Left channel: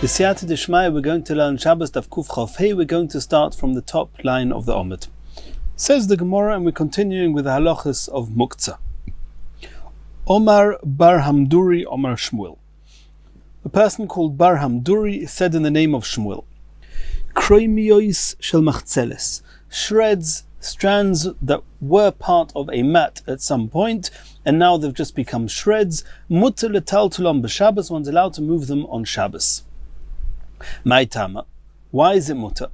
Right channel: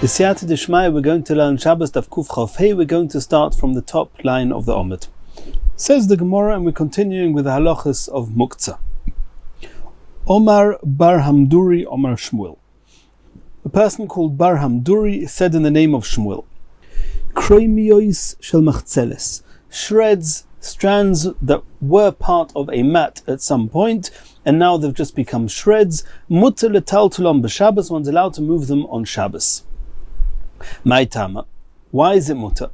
The Siyata Dishmaya, we're going to learn Shabbos Daf Kuf Chof Hey. We're going to start from the top line of the Omid. Says the Gemara, and we're continuing with the halachas of Muktzah. Omar Bar Hamduri Omar Shmuel. A person called Bar Hamduri said in the name of Shmuel, Kroimiyois shel machzeles, shreds, strands that were part of a mat at some point, and now they've just become shreds. Mutter letaltulam b'Shabbos, one's allowed to move them on Shabbos. Maitama, why is it mutter?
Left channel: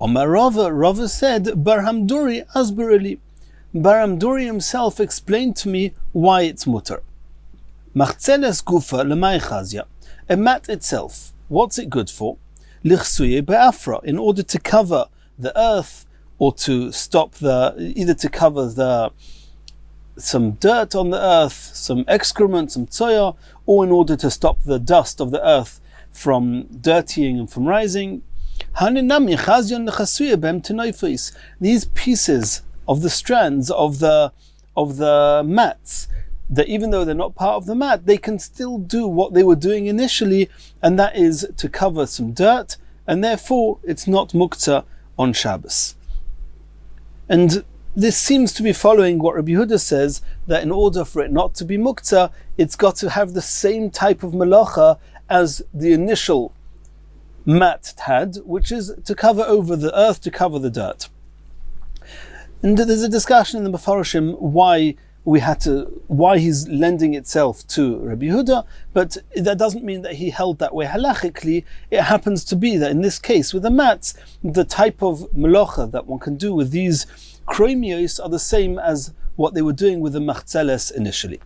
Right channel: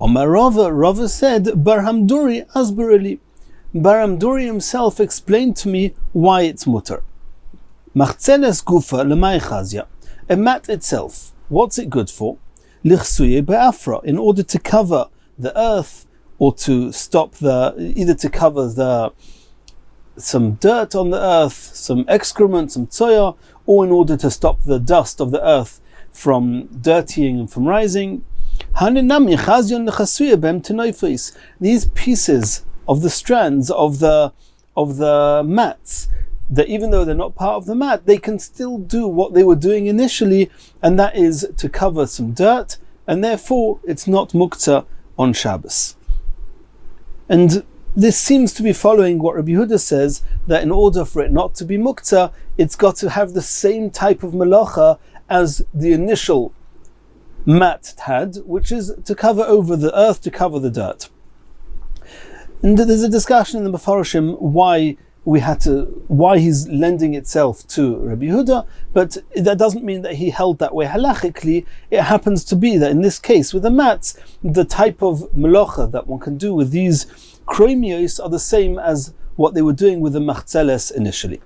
Omar Rava said, Bar Hamduri asbarili. Bar Hamduri himself explained to me why it's mutter. Machzeles gufa lemay chazya. A mat itself, what's it good for? Lichsuye be'afra, in order to cover the earth, or to stop either to cover some dirt on the earth, some excrement, some tzoya, or in order to stop the dust of the earth from dirtying and from rising. These pieces of the strands of the mats, that even though they're not part of the mat, they can still do what they were doing initially, and that is to cover some dirt, and therefore it's not muktzah on Shabbos. And this seems to be following what Rabbi Yehuda says, that in order for it not to be muktzah, it's got to have the same type of malacha as the initial mat had, which is to cover over the earth, to cover the dirt. And there's a discussion in the Mefarshim why he's lending itself to Rabbi Yehuda, but that doesn't mean that he held that way halachically. It happens to be that in this case with the mats, the type of melacha that one can do with these kroimios are the same as what they were doing with the machzeles initially.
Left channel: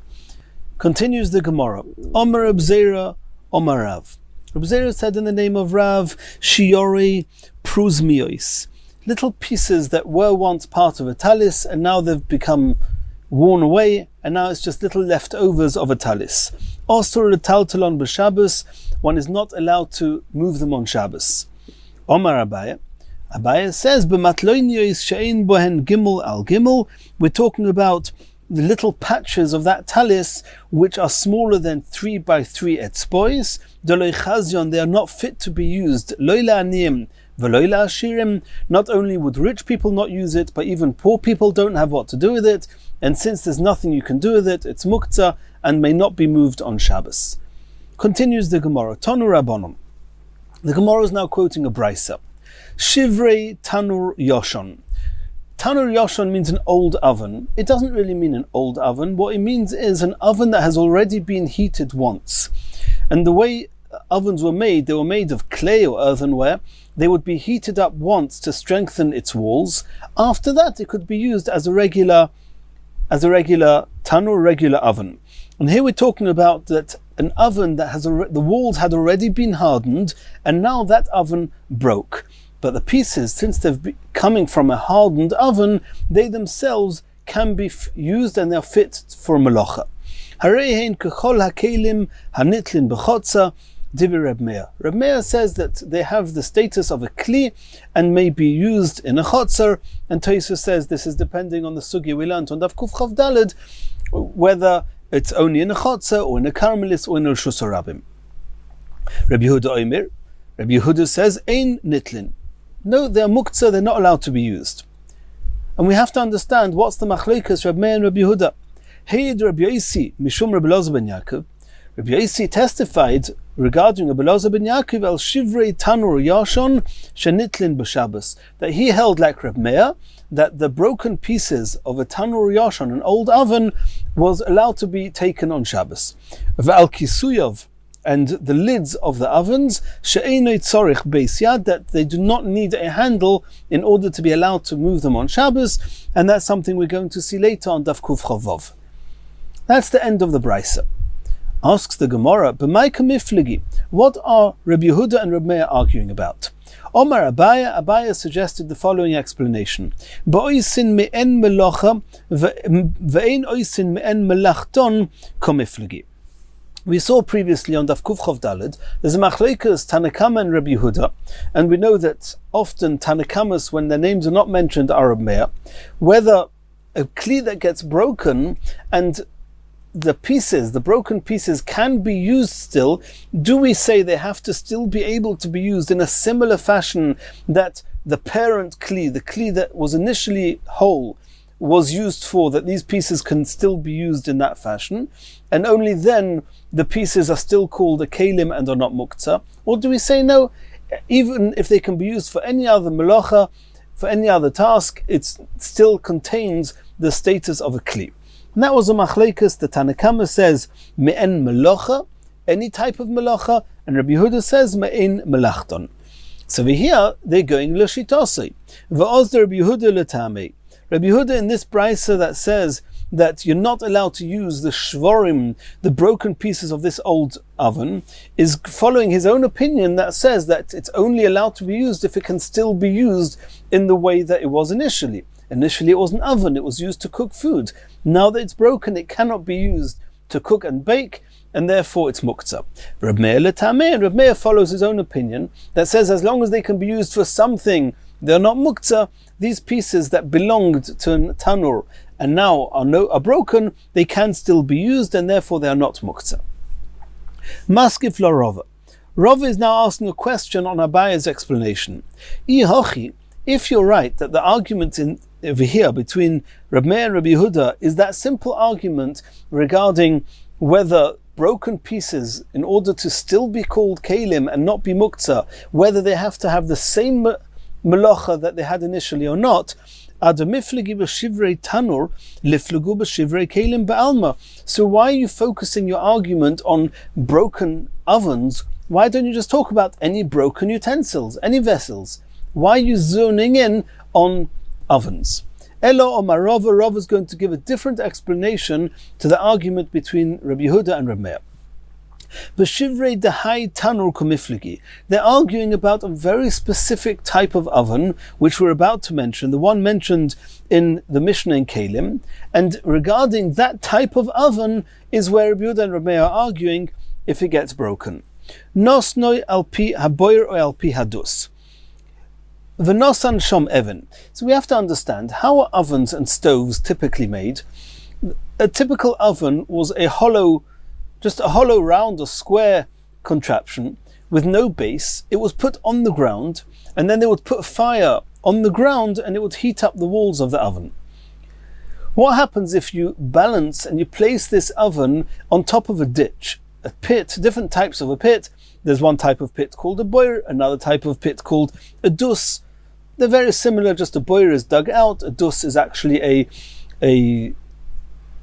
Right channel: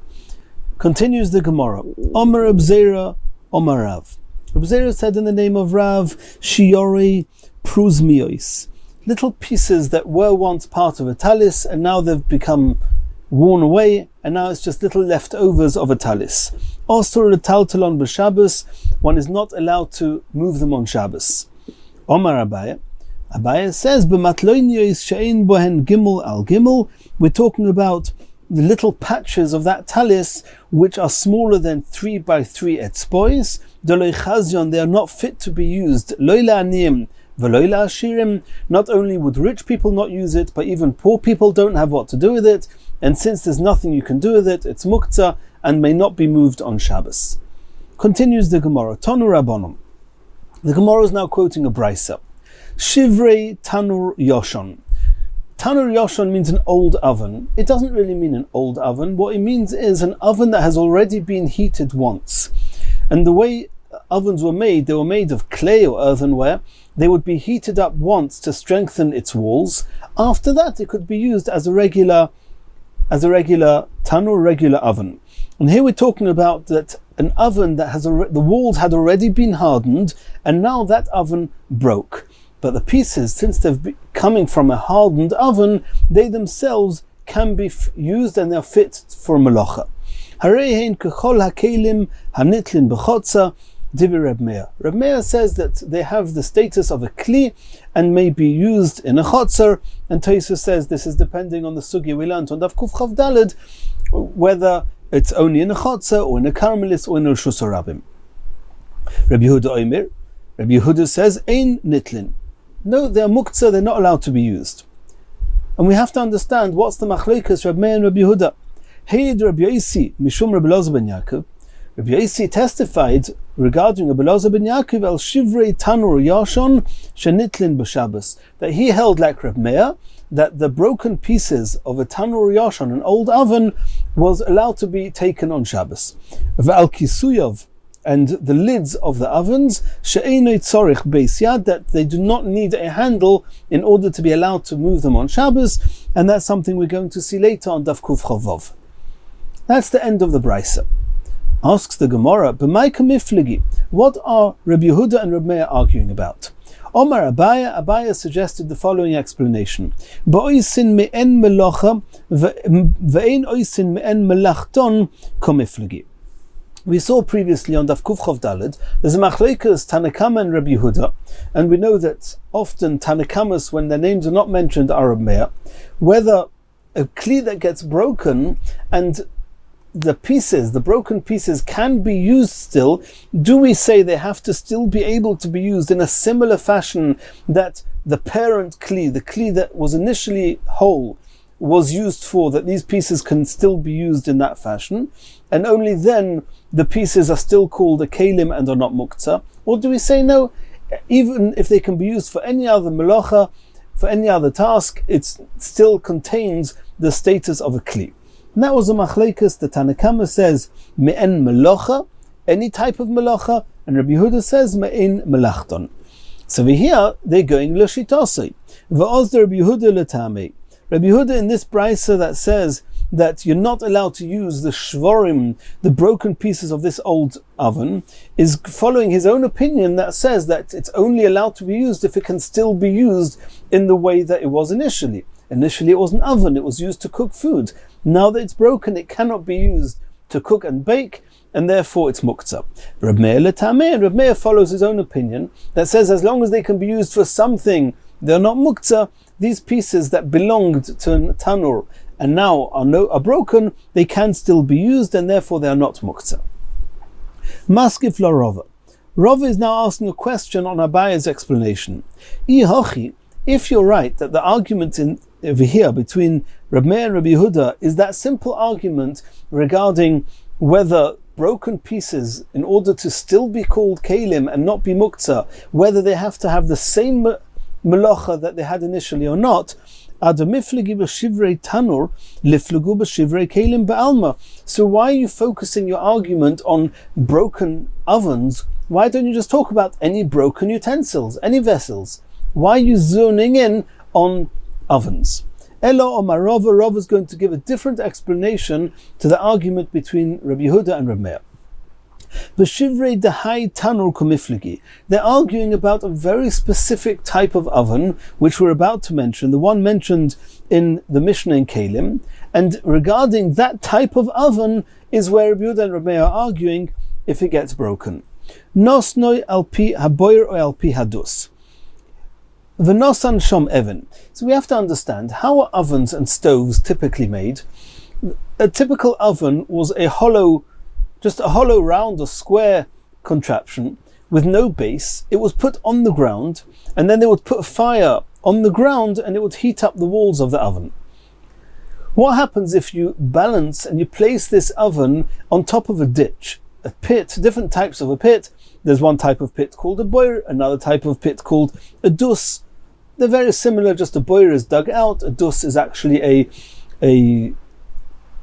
Continues the Gemara. Omar Abzera Omar Rav. Abzera said in the name of Rav, Shi'ori pruzmiois, little pieces that were once part of a talis and now they've become worn away, and now it's just little leftovers of a talis. Also, letaltalon b'Shabbos, one is not allowed to move them on Shabbos. Omar Abaya says, b'matloiniyos she'ein bohen gimel al gimel, we're talking about the little patches of that talis which are smaller than 3 by 3 etzbois. Doloi chazyon, they are not fit to be used. Loila aniyim v'loila ashirim, not only would rich people not use it, but even poor people don't have what to do with it. And since there's nothing you can do with it, it's muktzah and may not be moved on Shabbos. Continues the Gemara. Tanu Rabbanon. The Gemara is now quoting a brisa. Shivrei Tanur Yoshon. Tanur Yoshon means an old oven. It doesn't really mean an old oven. What it means is an oven that has already been heated once. And the way ovens were made, they were made of clay or earthenware. They would be heated up once to strengthen its walls. After that, it could be used as a regular tanur, regular oven. And here we're talking about that an oven that has the walls had already been hardened, and now that oven broke. But the pieces, since they've coming from a hardened oven, they themselves can be used and they're fit for melacha. Hareihen kechol hakelim hanitlin b'chotza. Reb Meir says that they have the status of a kli and may be used in a chotzer, and Tosfos says this is depending on the sugi we learned on Daf Kuf Chav Daled, whether it's only in a chotzer or in a karmelis or in a Reshus HaRabim. Rabbi Yehuda says ein nitlin. No, they're muktzah, they're not allowed to be used. And we have to understand what's the machlekes Reb Meir and Rabbi Yehuda. Heid Rabbi Yosi mishum Rabbi Elazar ben Yaakov. Rabbi Yosi testified regarding Rabbi Elazar ben Yaakov al shivrei tanur yashon shenitlin b'Shabbos, that he held like Reb Meir that the broken pieces of a tanur yashon, an old oven, was allowed to be taken on Shabbos. V'al kisuyov, and the lids of the ovens, she'einoi tzorich beis yad, that they do not need a handle in order to be allowed to move them on Shabbos, and that's something we're going to see later on Daf Kuf Chavov. That's the end of the brisa. Asks the Gemara, b'maika mifligi, what are Rabbi Yehuda and Rabbi Meir arguing about? Omar Abaya suggested the following explanation. Ba'oisin me'en melacha ve'ein oisin me'en melachton komifligi. We saw previously on Daf Kuf Chav Daled, there's a machlekes Tanakama and Rabbi Yehuda, and we know that often Tanakamas, when their names are not mentioned, are Rabbi Meir, whether a kli that gets broken and the pieces, the broken pieces, can be used still, do we say they have to still be able to be used in a similar fashion that the parent kli, the kli that was initially whole, was used for, that these pieces can still be used in that fashion, and only then the pieces are still called a kelim and are not muktzah? Or do we say no, even if they can be used for any other melacha, for any other task, it still contains the status of a kli? And that was a machlekes. The Tanna Kama says me'en melacha, any type of melacha, and Rabbi Yehuda says me'en melachton. So here they're going l'shitosei. V'oz Rabbi Yehuda l'tamei. Rabbi Yehuda in this brisa that says that you're not allowed to use the shvorim, the broken pieces of this old oven, is following his own opinion that says that it's only allowed to be used if it can still be used in the way that it was initially. Initially it was an oven, it was used to cook food. Now that it's broken, it cannot be used to cook and bake, and therefore it's muktzah. Reb Meir l'tamei, and Reb Meir follows his own opinion that says as long as they can be used for something, they're not muktzah. These pieces that belonged to a tanur and now are broken, they can still be used, and therefore they are not muktzah. Maskif la Rava. Rava is now asking a question on Abaya's explanation. If you're right that the argument over here between Reb Meir and Rabbi Yehuda is that simple argument regarding whether broken pieces, in order to still be called kelim and not be muktzah, whether they have to have the same melacha that they had initially or not, so why are you focusing your argument on broken ovens? Why don't you just talk about any broken utensils, any vessels? Why are you zoning in on ovens? Elo Omar Rava, Rava is going to give a different explanation to the argument between Rabbi Yehuda and Rabbi Meir. They're arguing about a very specific type of oven, which we're about to mention, the one mentioned in the Mishnah in Kelim, and regarding that type of oven is where Rabbi Yehuda and Rabbi Meir are arguing if it gets broken. Nosnoi alpi haboyer or alpi hadus. V'nosan shom even. So we have to understand how are ovens and stoves typically made. A typical oven was just a hollow round or square contraption with no base. It was put on the ground, and then they would put a fire on the ground and it would heat up the walls of the oven. What happens if you balance and you place this oven on top of a ditch, a pit, different types of a pit? There's one type of pit called a boyer, another type of pit called a dus. They're very similar, just a boyer is dug out, a dus is actually a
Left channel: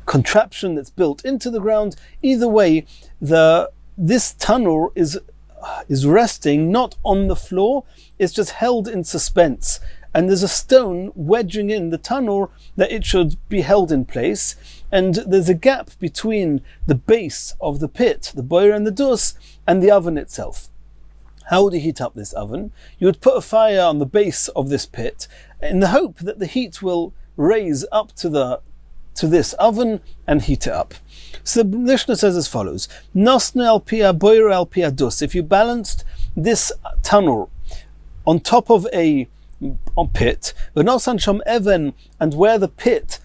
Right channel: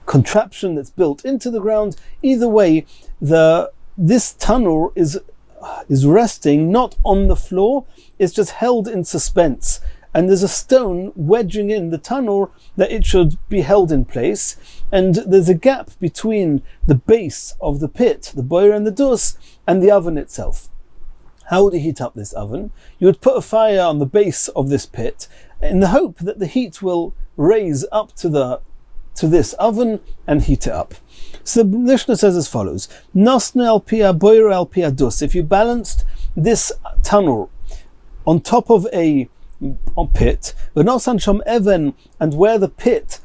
contraption that's built into the ground. Either way, this tanur is resting not on the floor, it's just held in suspense, and there's a stone wedging in the tanur that it should be held in place, and there's a gap between the base of the pit, the boyer and the dus, and the oven itself. How would you heat up this oven? You would put a fire on the base of this pit in the hope that the heat will raise up to this oven and heat it up. So the Mishnah says as follows: Nosne al pia boyer al pia dus. If you balanced this tanur on top of a pit, v'nosan shom even, and where the pit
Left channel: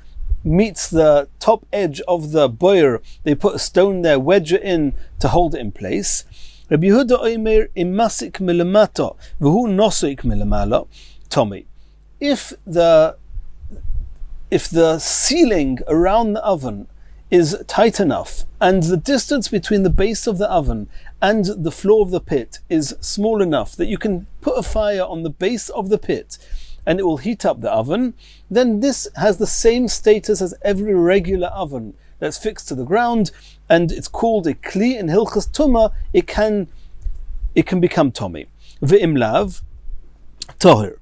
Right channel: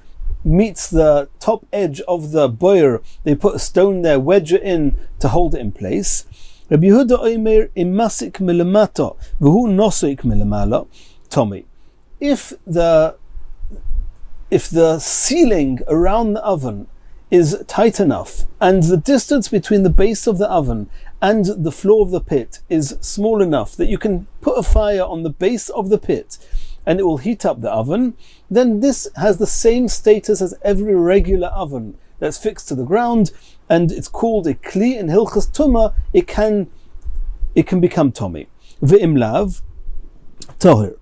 meets the top edge of the boyer, they put a stone there, wedge it in to hold it in place. Rabbi Yehuda oimer imasik milamato v'hu nosik milamala Tommy. If the ceiling around the oven is tight enough and the distance between the base of the oven and the floor of the pit is small enough that you can put a fire on the base of the pit and it will heat up the oven, then this has the same status as every regular oven that's fixed to the ground, and it's called a kli in Hilchas Tumah. It can become tommy. Ve'imlav tohir.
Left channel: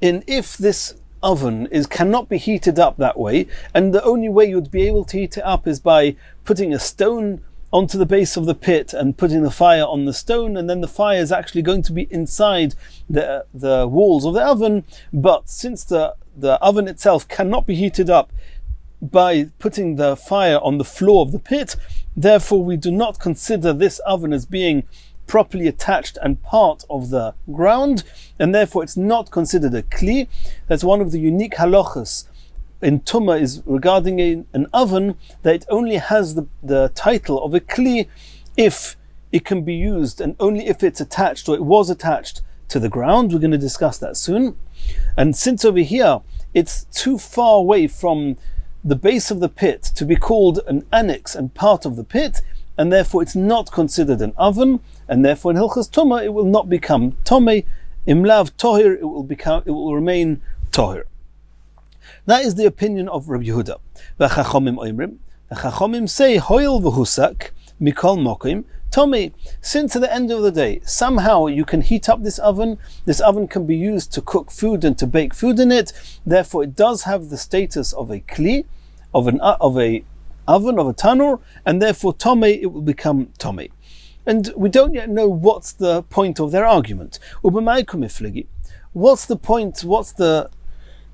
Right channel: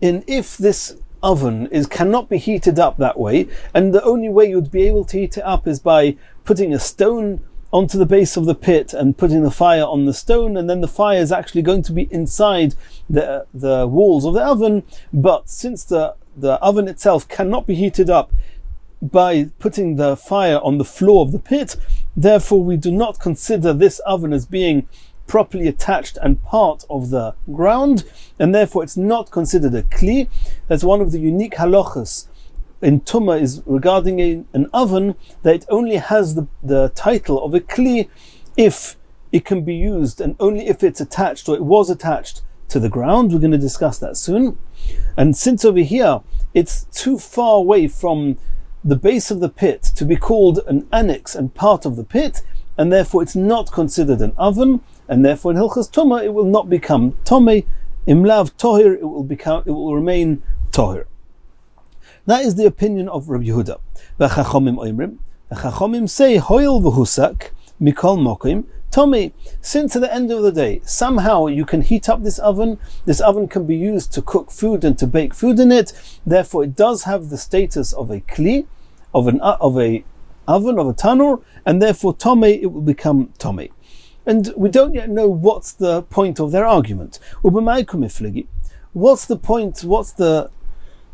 And if this oven cannot be heated up that way, and the only way you'd be able to heat it up is by putting a stone onto the base of the pit and putting the fire on the stone, and then the fire is actually going to be inside the walls of the oven. But since the oven itself cannot be heated up by putting the fire on the floor of the pit, therefore we do not consider this oven as being properly attached and part of the ground, and therefore it's not considered a kli. That's one of the unique halachas in Tumah is regarding an oven, that it only has the title of a kli if it can be used, and only if it's attached, or it was attached to the ground. We're going to discuss that soon. And since over here it's too far away from the base of the pit to be called an annex and part of the pit, and therefore it's not considered an oven, and therefore in Hilchas Tumah it will not become Tomei. Imlav Tohir, it will remain Tohir. That is the opinion of Rabbi Yehuda. The Chachomim say Hoil v'husak mikol mokim Tomei. Since at the end of the day somehow you can heat up this oven can be used to cook food and to bake food in it, therefore it does have the status of a kli, of a oven, of a tanur, and therefore Tomei, it will become Tomei. And we don't yet know what's the point of their argument. What's the point, what's the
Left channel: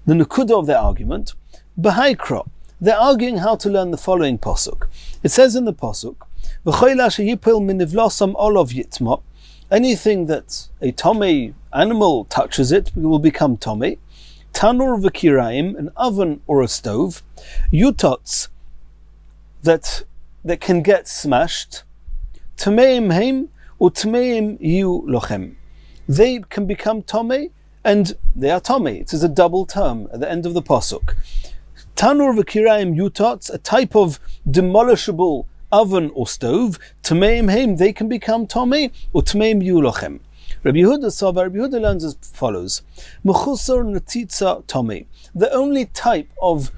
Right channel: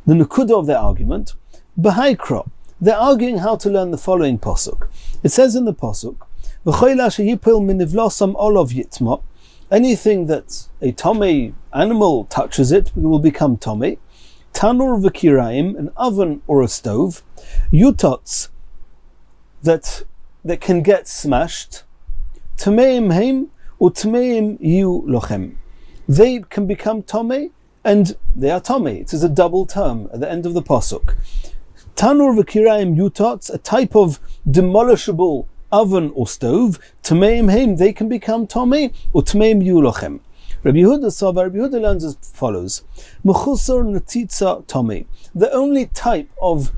nekuda of their argument? B'haikra, they're arguing how to learn the following pasuk. It says in the pasuk, anything that a tomei animal touches it will become tomei. Tanur v'kiraim, an oven or a stove. Yutots, that can get smashed. Tameim heim or tameim yu lochem. They can become tomei, and they are tomei. It is a double term at the end of the pasuk. Tanur v'kiraim yutots, a type of demolishable oven or stove. Tameim heim, they can become tomei, or tameim yu lochem. Rabbi Yehuda learns as follows: Mechusar netitza tomei. The only type of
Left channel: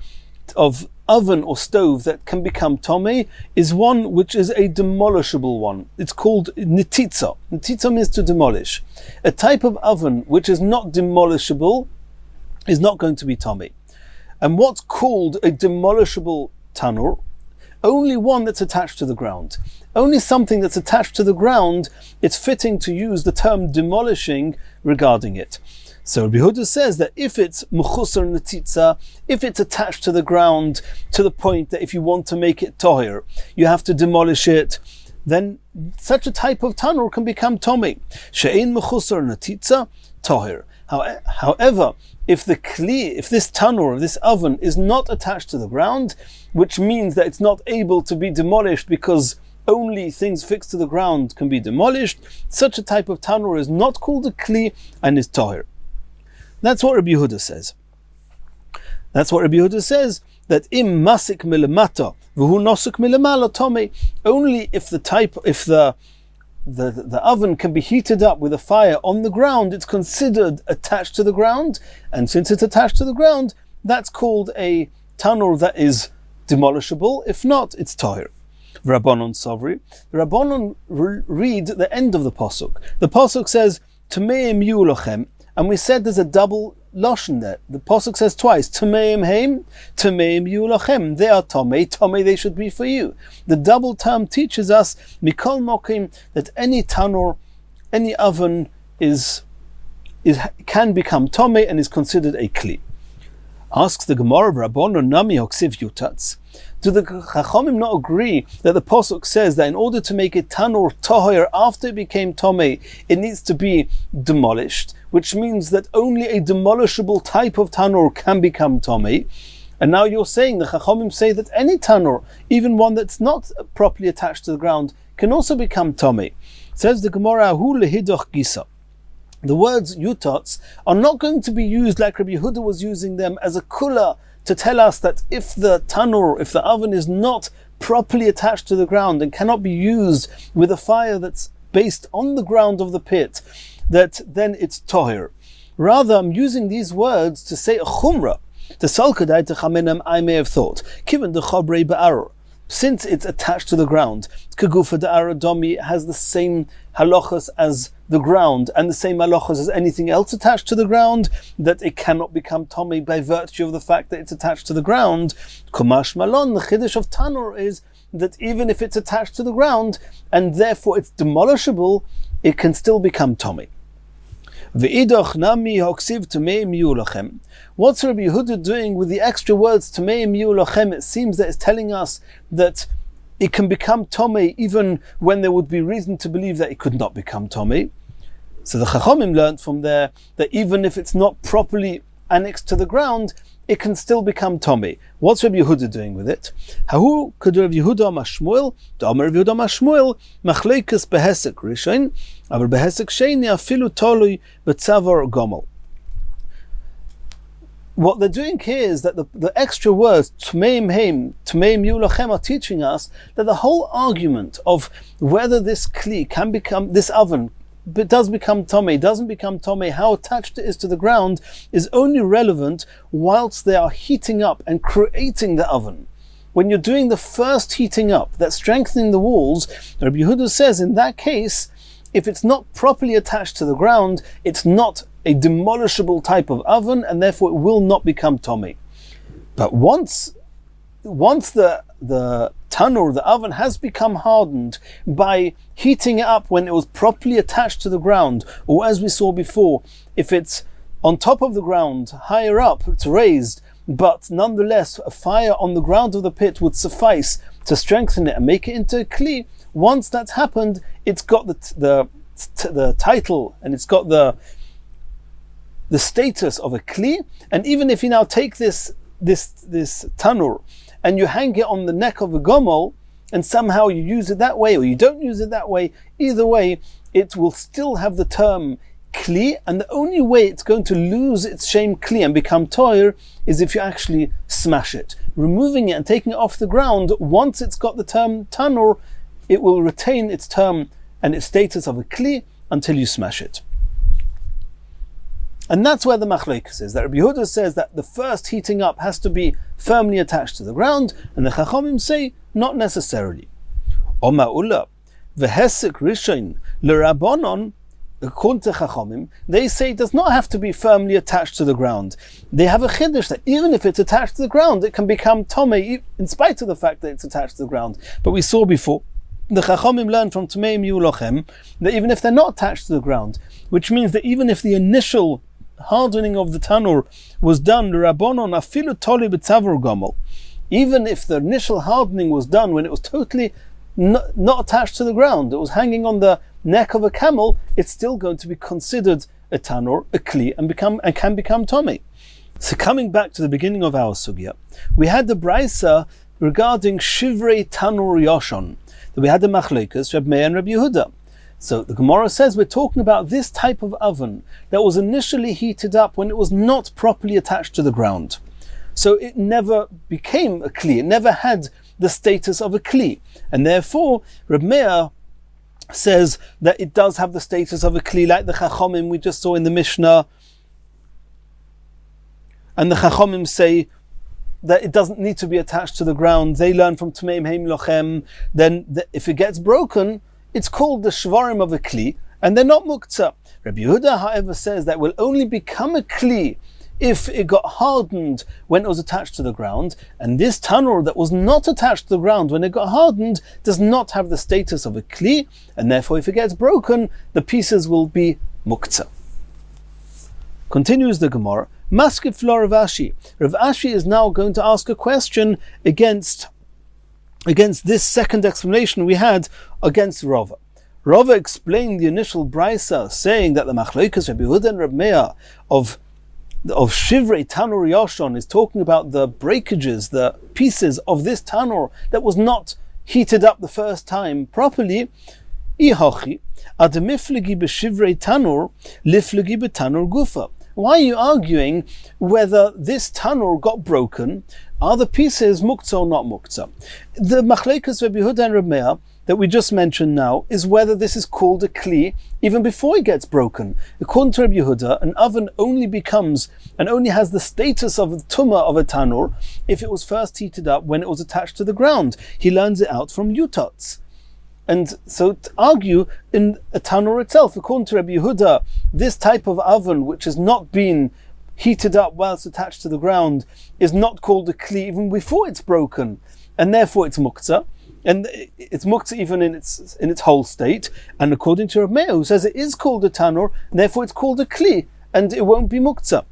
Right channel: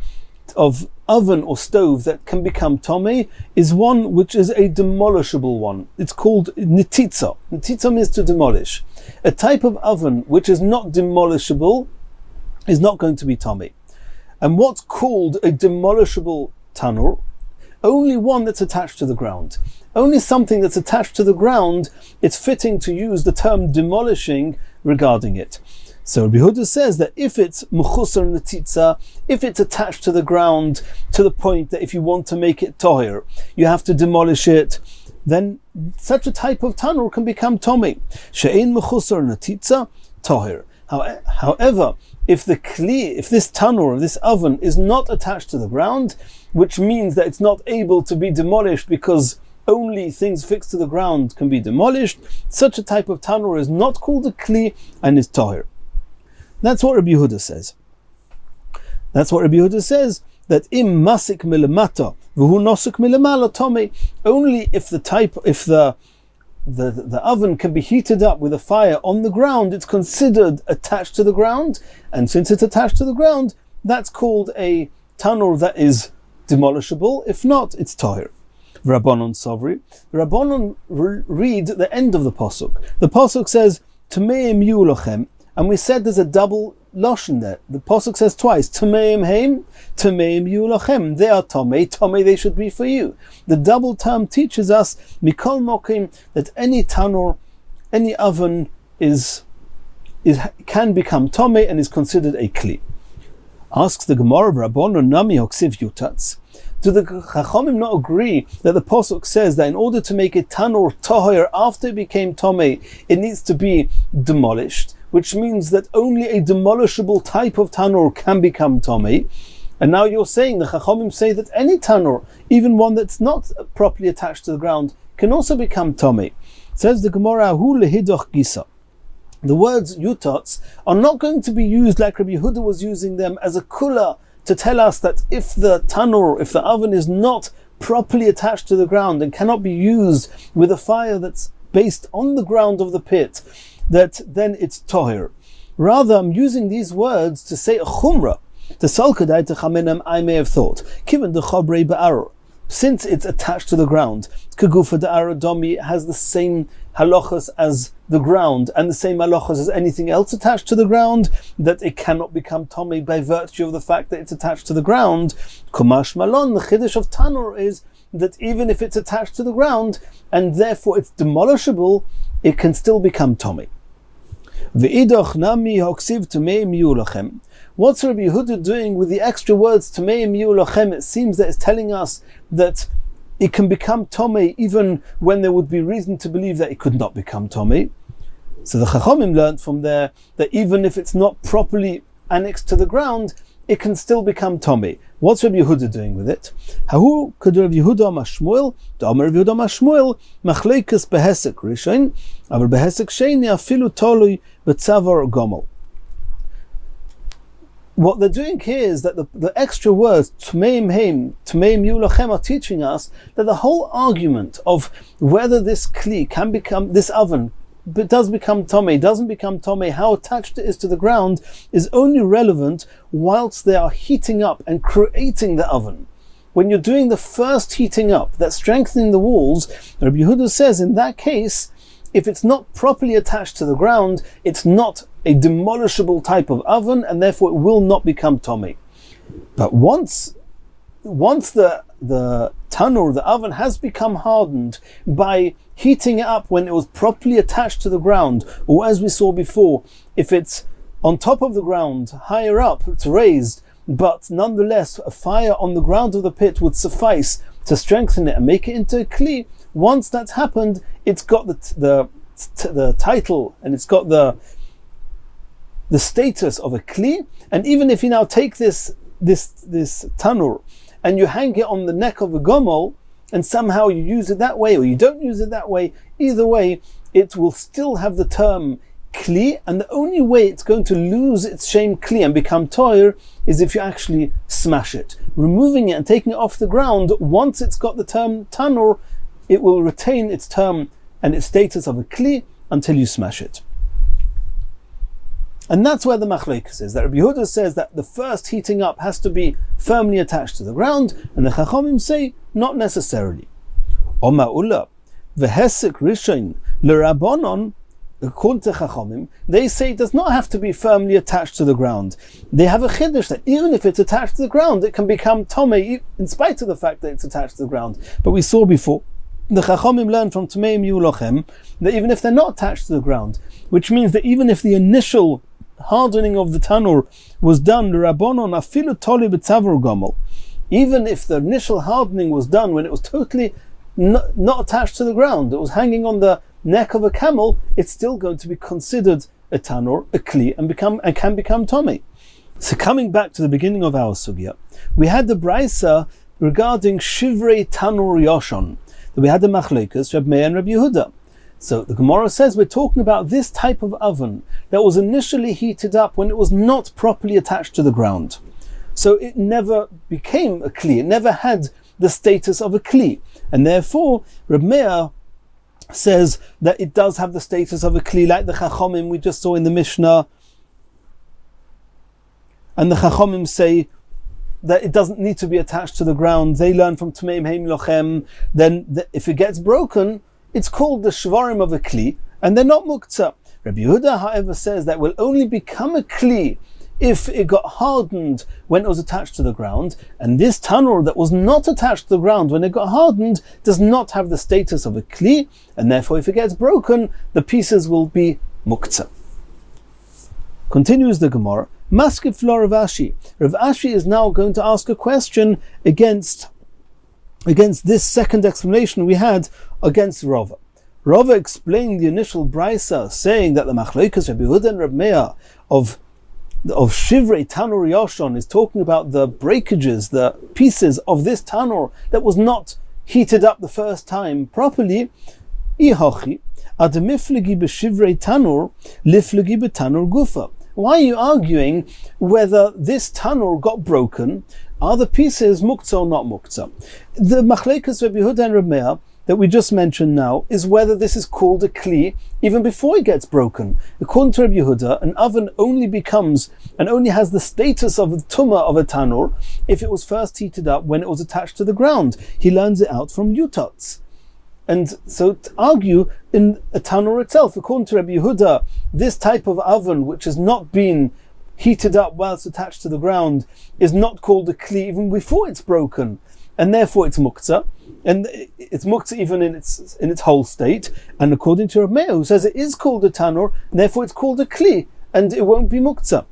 oven or stove that can become tomei is one which is a demolishable one. It's called netitza. Netitza means to demolish. A type of oven which is not demolishable is not going to be tomei. And what's called a demolishable tanur? Only one that's attached to the ground. Only something that's attached to the ground, it's fitting to use the term demolishing regarding it. So Rabbi Yehuda says that if it's mechusar netitza, if it's attached to the ground to the point that if you want to make it tohir, you have to demolish it, then such a type of tanur can become tomei. She'ein mechusar netitza tohir. However, if this tanur, this oven, is not attached to the ground, which means that it's not able to be demolished because only things fixed to the ground can be demolished, such a type of tanur is not called a kli and is tohir. That's what Rabbi Yehuda says. That im masik milamata v'hu nosuk milamala tomei. Only if the oven can be heated up with a fire on the ground, it's considered attached to the ground, and since it's attached to the ground, that's called a tanur that is demolishable. If not, it's tohir. Rabbanon Sovri. The Rabbanon read the end of the pasuk. The pasuk says Tameim yu lochem, and we said there's a double lashon there. The pasuk says twice Tameim heim, Tameim yu lochem. They are tomei, they should be for you. The double term teaches us mikol mokim that any tanur, any oven can become tomei and is considered a kli. Asks the Gemara, Rabbanon nami hoksiv yutatz. Do the Chachomim not agree that the pasuk says that in order to make a tanur tohir after it became tomei, it needs to be demolished, which means that only a demolishable type of tanur can become tomei? And now you're saying, the Chachomim say that any tanur, even one that's not properly attached to the ground, can also become tomei. Says the Gemara, hu lehidoch gisa. The words yutats are not going to be used like Rabbi Yehuda was using them as a kula to tell us that if the tanur, if the oven is not properly attached to the ground and cannot be used with a fire that's based on the ground of the pit, that then it's tohir. Rather, I'm using these words to say a chumrah. To salkadai to chamenem, I may have thought, given the chabrei ba'aror, since it's attached to the ground, kagufa da'ara domi has the same halachas as the ground and the same halachas as anything else attached to the ground, that it cannot become tomei by virtue of the fact that it's attached to the ground. Kumash malon, the chiddush of tanur is that even if it's attached to the ground and therefore it's demolishable, it can still become tomei. V'idach nami hoksiv tameim yu lachem. What's Rabbi Yehuda doing with the extra words tameim yu lachem? It seems that it's telling us that it can become tomei even when there would be reason to believe that it could not become tomei. So the Chachomim learned from there that even if it's not properly annexed to the ground, it can still become Tomei. What's Rabbi Yehuda doing with it? Hahu could Rabbi Yehuda amar Shmuel, Amar Rabbi Yehuda amar Shmuel, Machleikus behesek rishon, aber behesek sheni afilu tolui betzavar gomel. What they're doing here is that the extra words Tmeim Heim, Tmeim Yulachem are teaching us that the whole argument of whether this kli can become, this oven, but does become Tomei, doesn't become Tomei, how attached it is to the ground, is only relevant whilst they are heating up and creating the oven. When you're doing the first heating up, that's strengthening the walls, Rabbi Yehuda says in that case, if it's not properly attached to the ground, it's not a demolishable type of oven, and therefore it will not become Tomei. But once the tanur, the oven, has become hardened by heating it up when it was properly attached to the ground, or as we saw before, if it's on top of the ground, higher up, it's raised, but nonetheless a fire on the ground of the pit would suffice to strengthen it and make it into a kli. Once that's happened, it's got the title, and it's got the status of a kli. And even if you now take this tanur and you hang it on the neck of a gomel, and somehow you use it that way or you don't use it that way, either way it will still have the term kli, and the only way it's going to lose its shame kli and become toir is if you actually smash it. Removing it and taking it off the ground, once it's got the term tanur, it will retain its term and its status of a kli until you smash it. And that's where the machlokes is, that Rabbi Yehuda says that the first heating up has to be firmly attached to the ground, and the Chachamim say not necessarily. Oma ula v'hesek rishon l'rabonon, according to Chachamim, they say it does not have to be firmly attached to the ground. They have a chiddush that even if it's attached to the ground, it can become Tomei in spite of the fact that it's attached to the ground. But we saw before, the Chachamim learned from Tmeim Yulachem that even if they're not attached to the ground, which means that even if the initial hardening of the tanur was done, l'rabonon afilu toli b'tzavar gomel, even if the initial hardening was done when it was totally not attached to the ground, it was hanging on the neck of a camel, it's still going to be considered a tanur, a kli, and can become tomei. So coming back to the beginning of our sugya, we had the brisa regarding shivrei tanur yoshon, that we had the machlekas, Reb Meir and Reb Yehuda. So the Gemara says we're talking about this type of oven that was initially heated up when it was not properly attached to the ground. So it never became a kli, it never had the status of a kli. And therefore, Reb Meir says that it does have the status of a kli, like the Chachamim we just saw in the Mishnah. And the Chachamim say that it doesn't need to be attached to the ground. They learn from Tmeim Heim Lochem, then if it gets broken, it's called the shvarim of a kli, and they're not muktzah. Rabbi Yehuda, however, says that will only become a kli if it got hardened when it was attached to the ground, and this tanur that was not attached to the ground when it got hardened does not have the status of a kli, and therefore if it gets broken, the pieces will be muktzah. Continues the Gemara, Maskif lo Rav Ashi. Rav Ashi is now going to ask a question against this second explanation we had against Rava. Rava explained the initial brisa, saying that the machlokes Rabbi Yehuda and Rabbi Meir of shivrei tanur yoshon is talking about the breakages, the pieces of this tanur that was not heated up the first time properly. Ihochi ademiflegi b'shivrei tanur liflegi b'tanur gufa. Why are you arguing whether this tanur got broken? Are the pieces muktzah or not muktzah? The machlekes Rabbi Yehuda and Rabbi Meir that we just mentioned now is whether this is called a kli even before it gets broken. According to Rabbi Yehuda, an oven only becomes and only has the status of the tumah of a tanur if it was first heated up when it was attached to the ground. He learns it out from Yutats. And so to argue in a tanur itself, according to Rabbi Yehuda, this type of oven which has not been heated up whilst attached to the ground is not called a kli even before it's broken, and therefore it's muktzah, and it's muktzah even in its whole state. And according to Reb Meir, who says it is called a tanur, and therefore it's called a kli, and it won't be muktzah,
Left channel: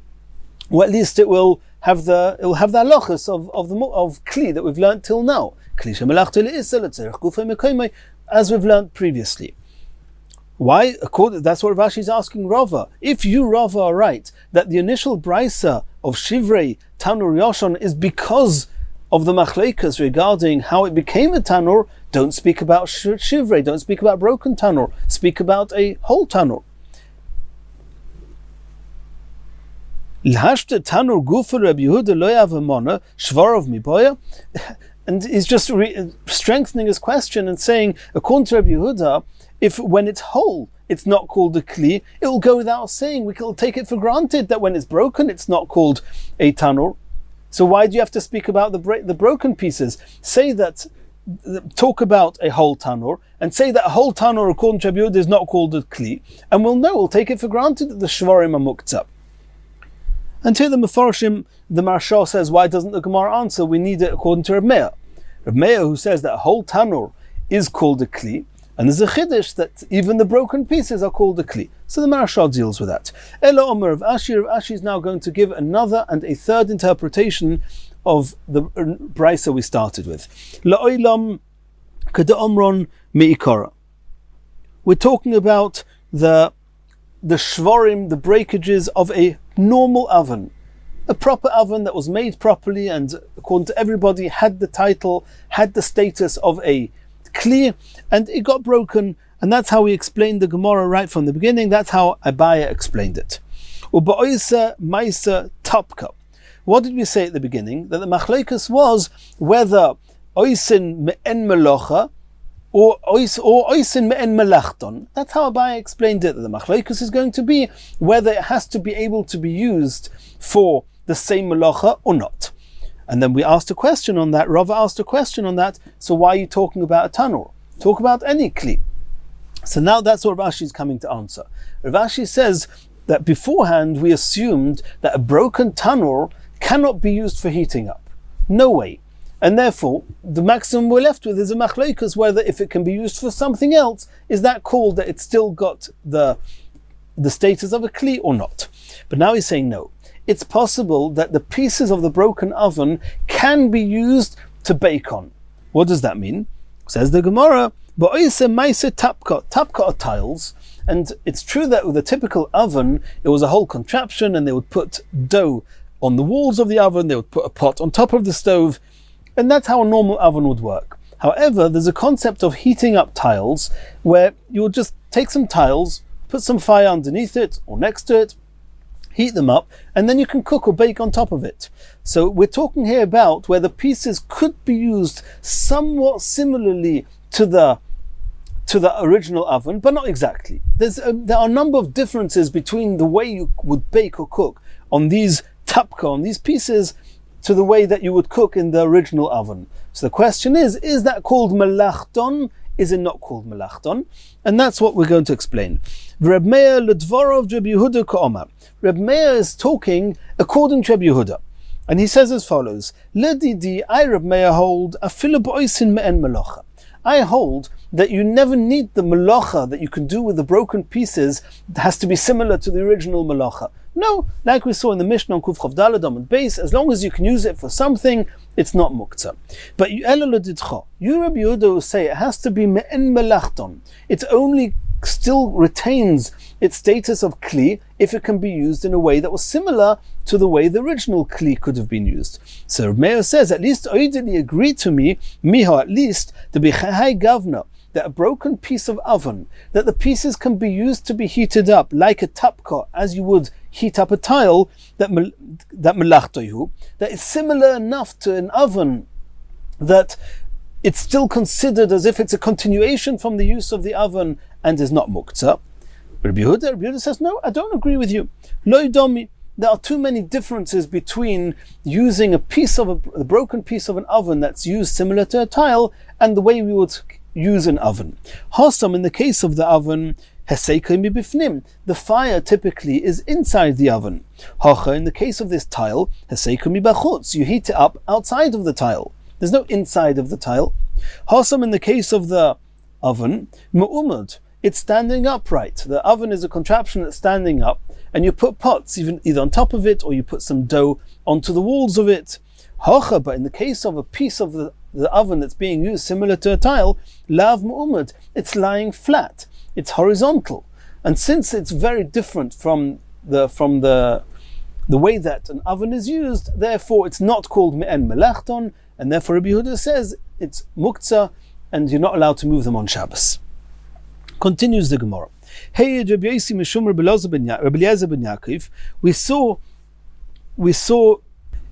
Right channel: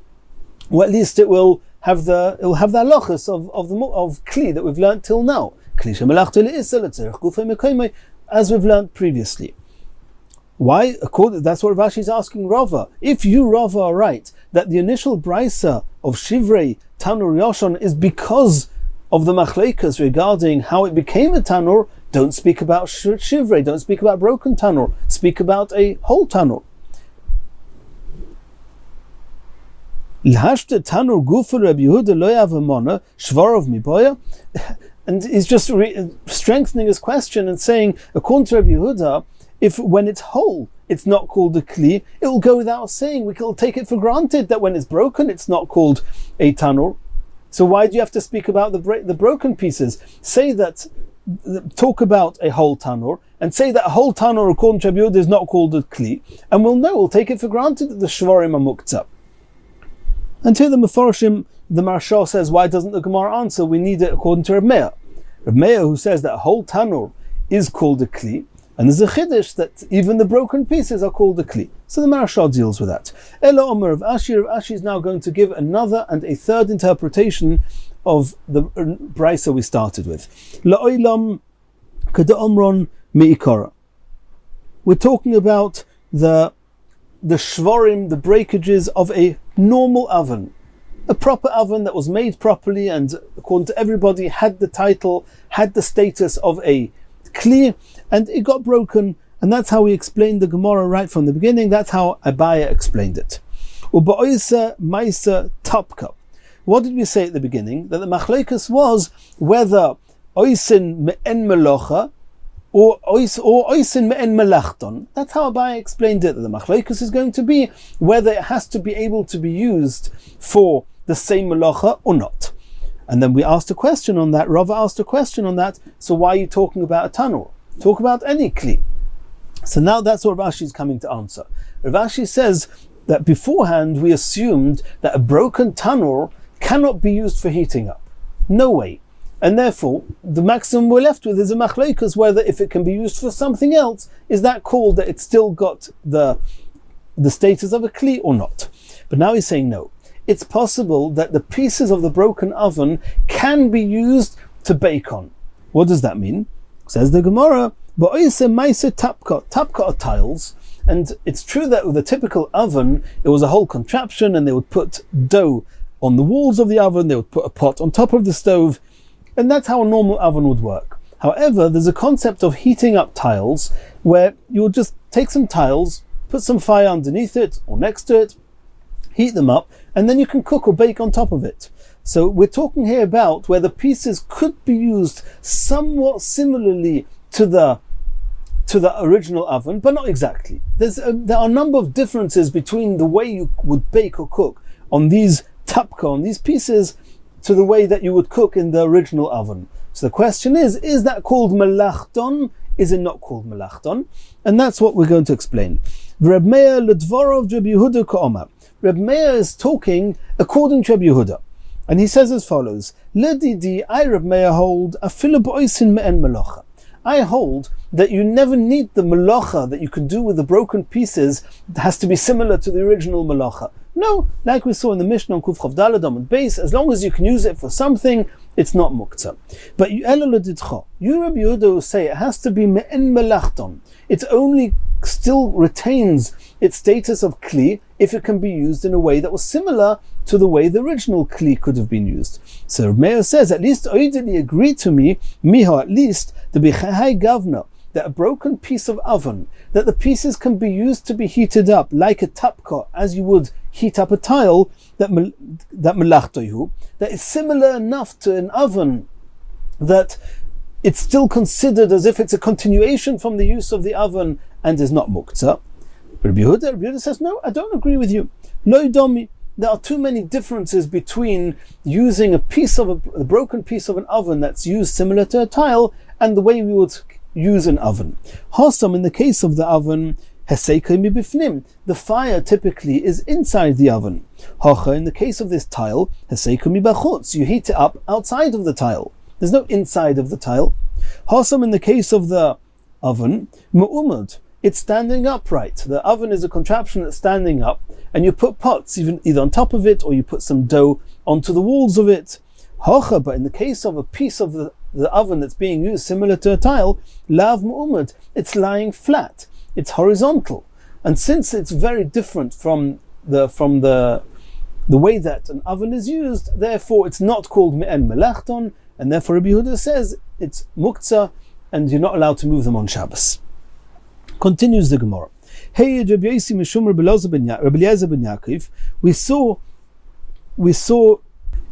or at least it will have the halachas of kli that we've learnt till now, as we've learnt previously. Why? That's what Rashi is asking Rava. If you, Rava, are right, that the initial brisa of Shivrei Tanur Yoshon is because of the machleikas regarding how it became a tanur, don't speak about Shivrei, don't speak about broken tanur, speak about a whole tanur. L'hashte tanur gufa Reb Yehuda lo yavamona shvarov miboya. And he's just strengthening his question and saying, according to Reb Yehuda, if when it's whole, it's not called a kli, it will go without saying. We can take it for granted that when it's broken, it's not called a tanur. So why do you have to speak about the broken pieces? Talk about a whole tanur, and say that a whole tanur, according to Reb Yehuda, is not called a kli, and we'll take it for granted that the shvarim are muktzah. And here the Mefarshim, the Maharsha says, why doesn't the Gemara answer? We need it according to Reb Meir. Reb Meir, who says that a whole tanur is called a kli, and there's a chiddush that even the broken pieces are called a kli. So the Maharsha deals with that. Ela Omer of Ashi. Rav Ashi is now going to give another and a third interpretation of the brisa we started with. La'olam kada omron me'ikara. We're talking about the shvarim, the breakages of a normal oven, a proper oven that was made properly and according to everybody had the title, had the status of a kli, and it got broken, and that's how we explained the Gemara right from the beginning. That's how Abaya explained it. Uba'oisa maisa tapka. What did we say at the beginning? That the machleikus was whether oisin me'en melocha or oisin me'en melachton. That's how Abaya explained it, that the machleikus is going to be whether it has to be able to be used for the same melacha or not. And then we asked a question on that. Rava asked a question on that. So why are you talking about a tanur? Talk about any kli. So now that's what Rav Ashi is coming to answer. Rav Ashi says that beforehand we assumed that a broken tanur cannot be used for heating up. No way. And therefore, the maximum we're left with is a machleikus, whether if it can be used for something else, is that called that it's still got the status of a kli or not? But now he's saying no. It's possible that the pieces of the broken oven can be used to bake on. What does that mean? Says the Gemara, tapka are tiles, and it's true that with a typical oven, it was a whole contraption, and they would put dough on the walls of the oven, they would put a pot on top of the stove, and that's how a normal oven would work. However, there's a concept of heating up tiles, where you'll just take some tiles, put some fire underneath it, or next to it, heat them up, and then you can cook or bake on top of it. So we're talking here about where the pieces could be used somewhat similarly to the original oven, but not exactly. There are a number of differences between the way you would bake or cook on these tapka, on these pieces, to the way that you would cook in the original oven. So the question is that called melachton? Is it not called melachton? And that's what we're going to explain. Reb Meir ledvorov Reb Yehuda ka'omer. Reb Meir is talking according to Reb Yehuda, and he says as follows: Ledidi, I Reb Meir hold afilu b'oisin me'en melocha. I hold that you never need the melacha that you can do with the broken pieces. It has to be similar to the original melacha. No, like we saw in the Mishnah on Kuf Chav Daled Amud Beis, as long as you can use it for something, it's not muktzah. But you Rabbi Yehuda say it has to be me'en melachton. It only still retains its status of kli if it can be used in a way that was similar to the way the original kli could have been used. So Reb Meir says, at least oidili agreed to me, miho at least, the bichai gavna, that a broken piece of oven, that the pieces can be used to be heated up like a tapka, as you would heat up a tile, that melachtoihu, that is similar enough to an oven that it's still considered as if it's a continuation from the use of the oven and is not muktzah. Rabbi Yehuda says, no, I don't agree with you. Lo domi. There are too many differences between using a broken piece of an oven that's used similar to a tile and the way we would use an oven. Hasam, in the case of the oven, the fire typically is inside the oven. Hacha, in the case of this tile, you heat it up outside of the tile. There's no inside of the tile. Hasam, in the case of the oven, mu'umad, it's standing upright. The oven is a contraption that's standing up, and you put pots either on top of it or you put some dough onto the walls of it. Hacha, but in the case of a piece of the oven that's being used similar to a tile, lav mu'umad, it's lying flat. it's horizontal. And since it's very different from the way that an oven is used, therefore it's not called me'en melachton, and therefore Rabbi Yehuda says it's muktzah, and you're not allowed to move them on Shabbos. Continues the Gemara. Hey, Rabbi Yossi mishum Rabbi Eliezer ben Yaakov. We saw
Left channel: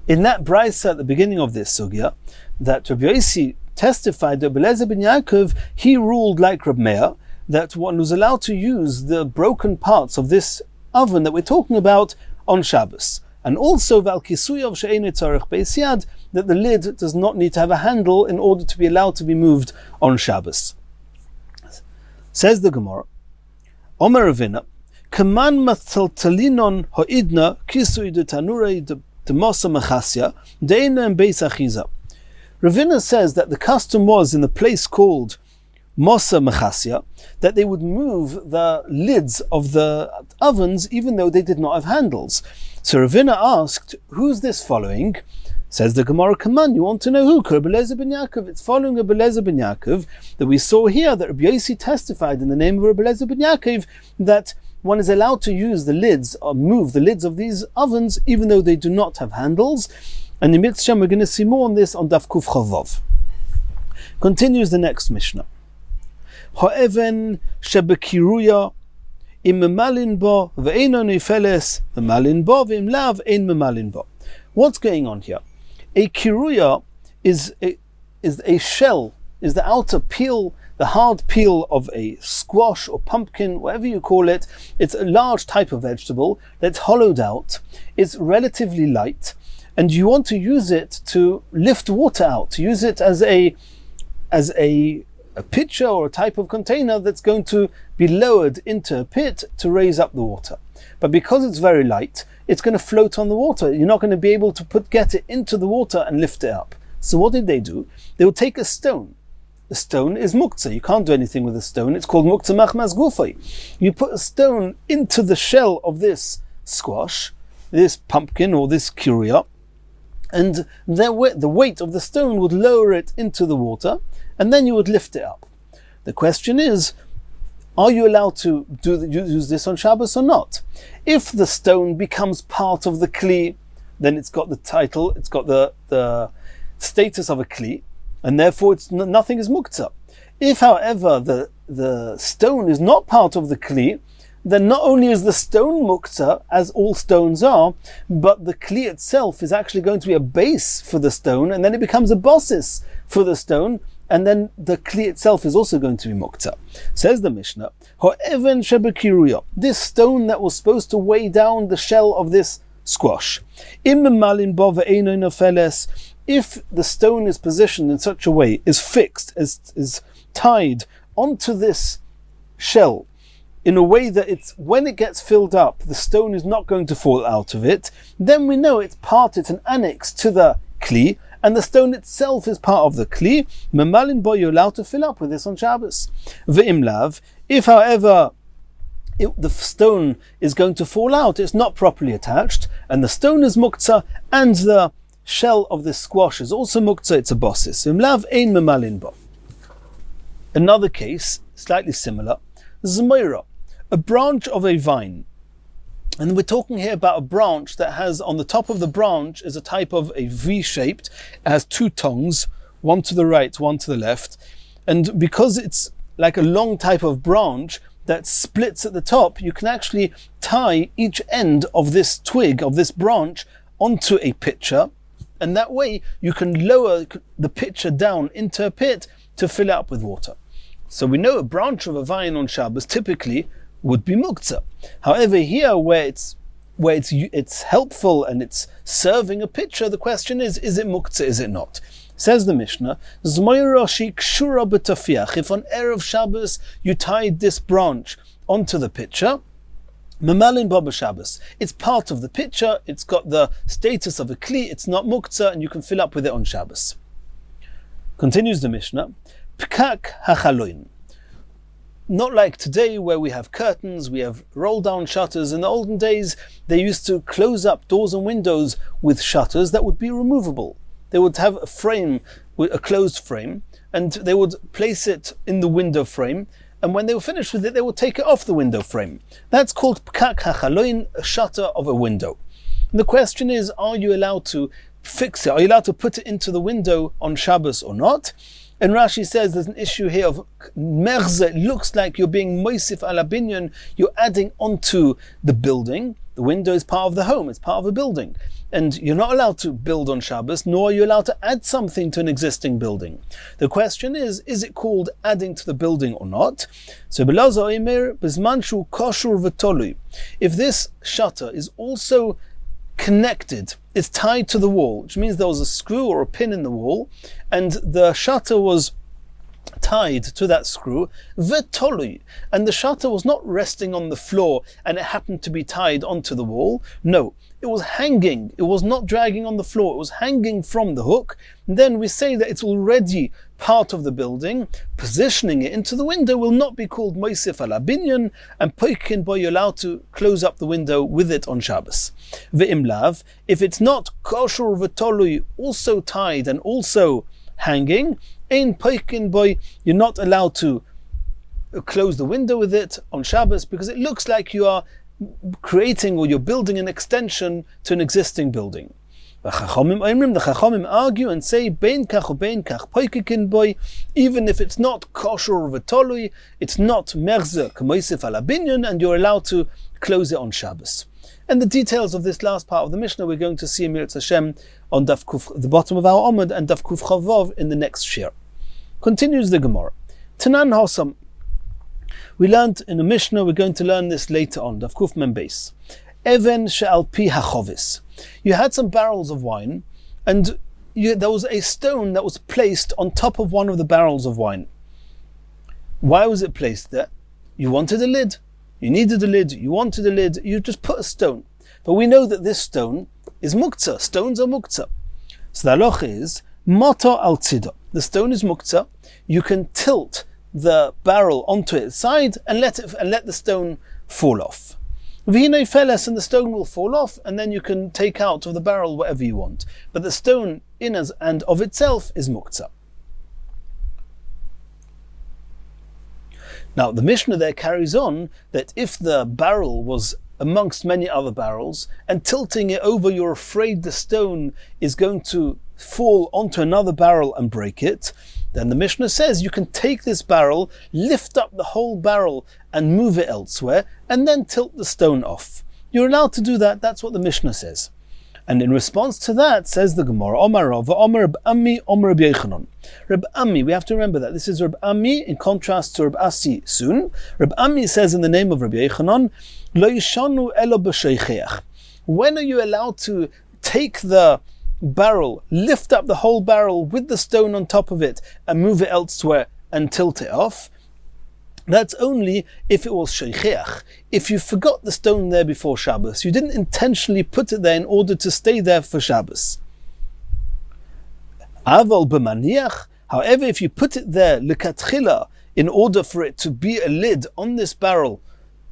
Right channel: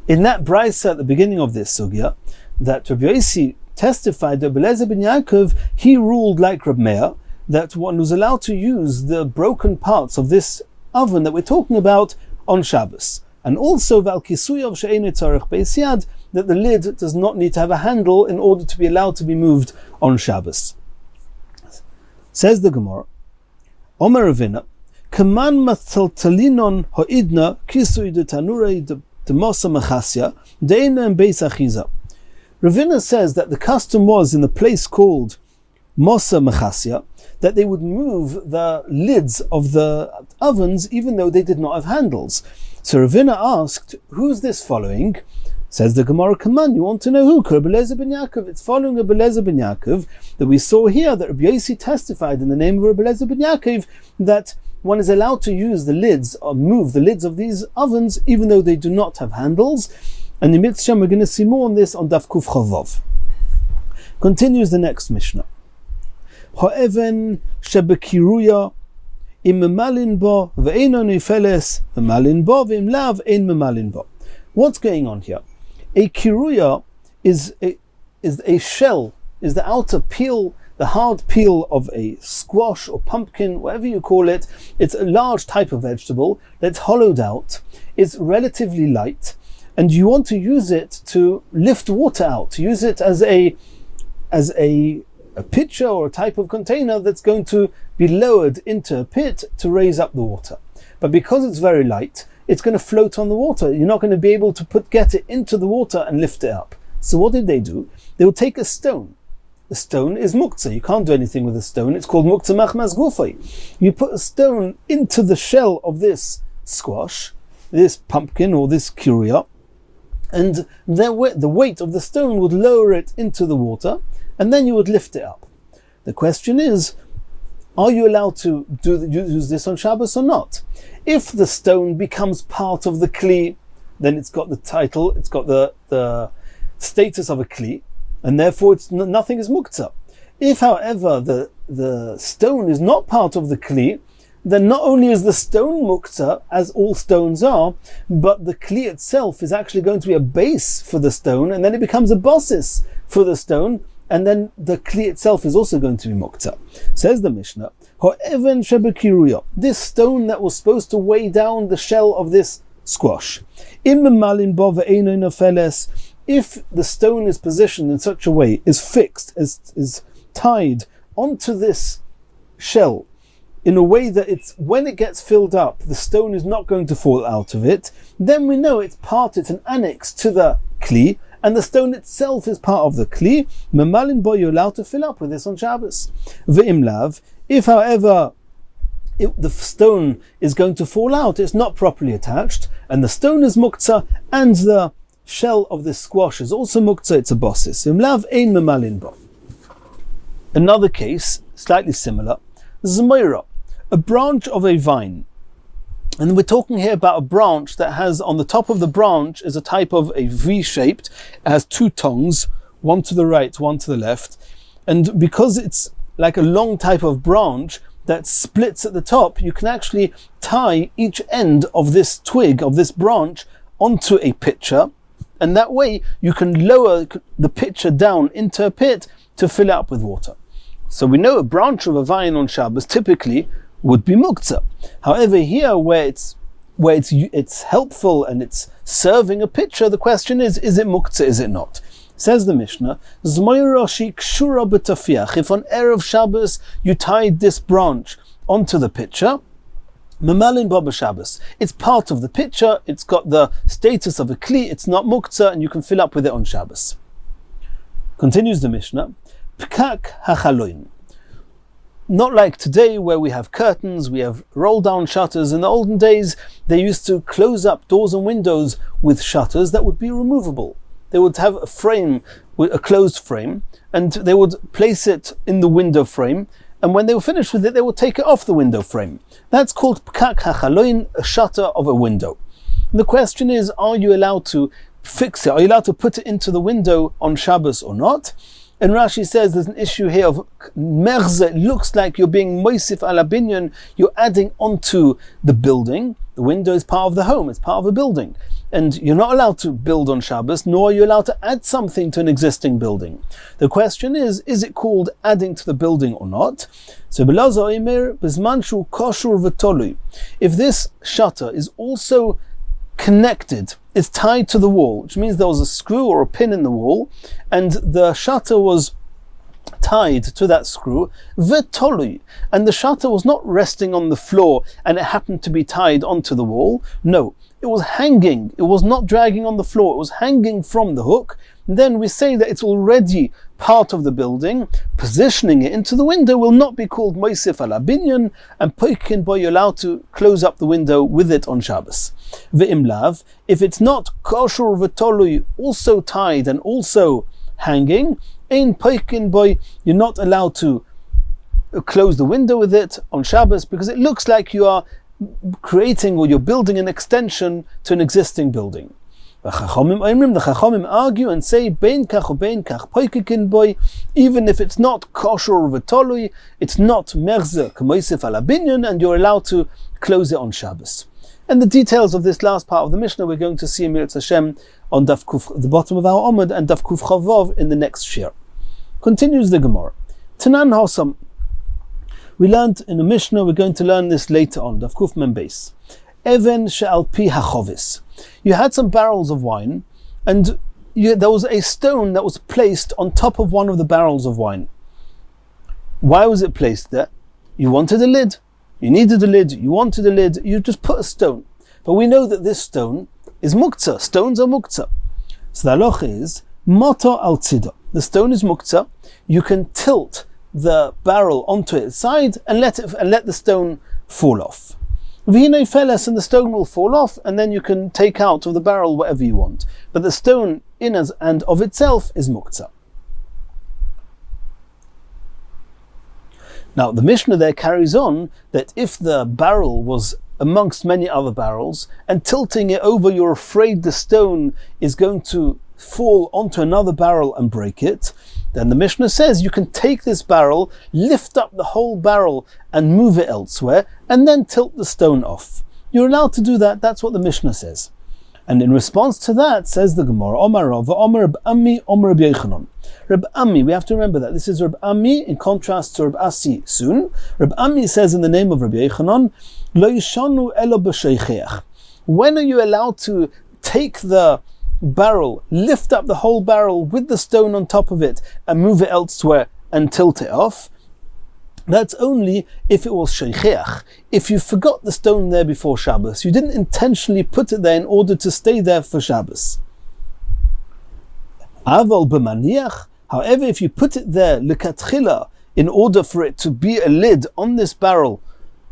in that brisa at the beginning of this sugya that Rabbi Yossi testified that Rabbi Eliezer ben Yaakov, he ruled like Rabbi Meir, that one was allowed to use the broken parts of this oven that we're talking about on Shabbos. And also that the lid does not need to have a handle in order to be allowed to be moved on Shabbos. Says the Gemara, Omer Ravina, Kaman mataltalinon hoidna kisui de tanurei de mosa machasya deina and beis achiza. Ravina says that the custom was in the place called Mosa Mechasya that they would move the lids of the ovens even though they did not have handles. So Ravina asked, who's this following? Says the Gemara, come on, you want to know who? Rabbi Eliezer ben Yaakov. It's following Rabbi Eliezer ben Yaakov that we saw here that Rabbi Yossi testified in the name of Rabbi Eliezer ben Yaakov that one is allowed to use the lids or move the lids of these ovens even though they do not have handles. And in Mitzvah, we're going to see more on this on Daf Kuf Chavav. Continues the next Mishnah. Ha'even shebekiruya im memalin bo ve'eino nifeles memalin bo ve'im lav ein memalin bo. What's going on here? A kiruya is a shell, is the outer peel, the hard peel of a squash or pumpkin, whatever you call it. It's a large type of vegetable that's hollowed out. It's relatively light, and you want to use it to lift water out, to use it as a pitcher or a type of container that's going to be lowered into a pit to raise up the water. But because it's very light, it's going to float on the water. You're not going to be able to get it into the water and lift it up. So what did they do? They would take a stone. The stone is muktzah. You can't do anything with a stone. It's called muktzah machmas gufay. You put a stone into the shell of this squash, this pumpkin or this kiruya, and the weight of the stone would lower it into the water, and then you would lift it up. The question is, are you allowed to use this on Shabbos or not? If the stone becomes part of the kli, then it's got the title, it's got the status of a kli, and therefore nothing is muktzah. If, however, the stone is not part of the kli, then not only is the stone muktzah, as all stones are, but the kli itself is actually going to be a base for the stone, and then it becomes a basis for the stone, and then the kli itself is also going to be muktzah. Says the Mishnah, Ho'even shebekiruya, this stone that was supposed to weigh down the shell of this squash. Im memalin bo ve'eino nofeles, if the stone is positioned in such a way, is fixed, is tied onto this shell, in a way that when it gets filled up, the stone is not going to fall out of it, then we know it's an annex to the kli, and the stone itself is part of the kli. Memalin bo, you're allowed to fill up with this on Shabbos. Ve'im lav, if however the stone is going to fall out, it's not properly attached, and the stone is muktzah, and the shell of the squash is also muktzah, it's a bossis. Ve'im lav ein memalin bo. Another case, slightly similar, zmeira, a branch of a vine. And we're talking here about a branch that has, on the top of the branch is a type of a V-shaped, it has two tongues, one to the right, one to the left. And because it's like a long type of branch that splits at the top, you can actually tie each end of this twig, of this branch, onto a pitcher. And that way you can lower the pitcher down into a pit to fill it up with water. So we know a branch of a vine on Shabbos typically would be muktzah. However, here where it's helpful and it's serving a pitcher, the question is it muktzah, is it not? Says the Mishnah, Zmoira shikshura b'tafiach, if on Erev Shabbos you tied this branch onto the pitcher, memalin bo b'Shabbos, it's part of the pitcher, it's got the status of a kli, it's not muktzah, and you can fill up with it on Shabbos. Continues the Mishnah, Pkak hachaloin. Not like today where we have curtains, we have roll down shutters. In the olden days, they used to close up doors and windows with shutters that would be removable. They would have a frame, a closed frame, and they would place it in the window frame, and when they were finished with it, they will take it off the window frame. That's called pkak hachaloin, a shutter of a window. And the question is, are you allowed to fix it? Are you allowed to put it into the window on Shabbos or not? And Rashi says there's an issue here of merze. It looks like you're being moisif ala binyan, you're adding onto the building. The window is part of the home, it's part of a building. And you're not allowed to build on Shabbos, nor are you allowed to add something to an existing building. The question is it called adding to the building or not? So if this shutter is also connected, it's tied to the wall, which means there was a screw or a pin in the wall, and the shutter was tied to that screw, vetolui, and the shutter was not resting on the floor and it happened to be tied onto the wall. No, it was hanging. It was not dragging on the floor. It was hanging from the hook. And then we say that it's already part of the building. Positioning it into the window will not be called moisif ala binyan, and poikin boy, you're allowed to close up the window with it on Shabbos. Ve'imlav, if it's not kosher vetolui, also tied and also hanging, ein poikin boy, you're not allowed to close the window with it on Shabbos because it looks like you are creating or you're building an extension to an existing building. The Chachamim argue and say, bein kach or bein kach poikin boy, even if it's not kosher or vetolui, it's not merze k'moisif ala binyan, and you're allowed to close it on Shabbos. And the details of this last part of the Mishnah we're going to see in Mirz Hashem on Daf Kuf, the bottom of our Omid, and Daf Kuf Chavov in the next shir. Continues the Gemara. Tanan Hosam. We learned in the Mishnah, we're going to learn this later on, Daf Kuf Mem Beis. Even she'al pi hachovis. You had some barrels of wine, and there was a stone that was placed on top of one of the barrels of wine. Why was it placed there? You wanted a lid. You needed a lid, you wanted a lid, you just put a stone. But we know that this stone is muktzah. Stones are muktzah. So the halacha is, mata al tzida. The stone is muktzah. You can tilt the barrel onto its side and let the stone fall off. V'hinei feles, and the stone will fall off, and then you can take out of the barrel whatever you want. But the stone in and of itself is muktzah. Now, the Mishnah there carries on that if the barrel was amongst many other barrels, and tilting it over, you're afraid the stone is going to fall onto another barrel and break it, then the Mishnah says you can take this barrel, lift up the whole barrel and move it elsewhere, and then tilt the stone off. You're allowed to do that. That's what the Mishnah says. And in response to that, says the Gemara, Omar Rav, Omar Reb Ami, Omar Reb Yechanan. Reb Ami, we have to remember that this is Reb Ami in contrast to Reb Asi soon. Reb Ami says in the name of Reb Yechanan, Lo yishanu elo b'sheicheach. When are you allowed to take the barrel, lift up the whole barrel with the stone on top of it, and move it elsewhere and tilt it off? That's only if it was sheicheach. If you forgot the stone there before Shabbos, you didn't intentionally put it there in order to stay there for Shabbos. Aval b'maniach. However, if you put it there lekatchila in order for it to be a lid on this barrel,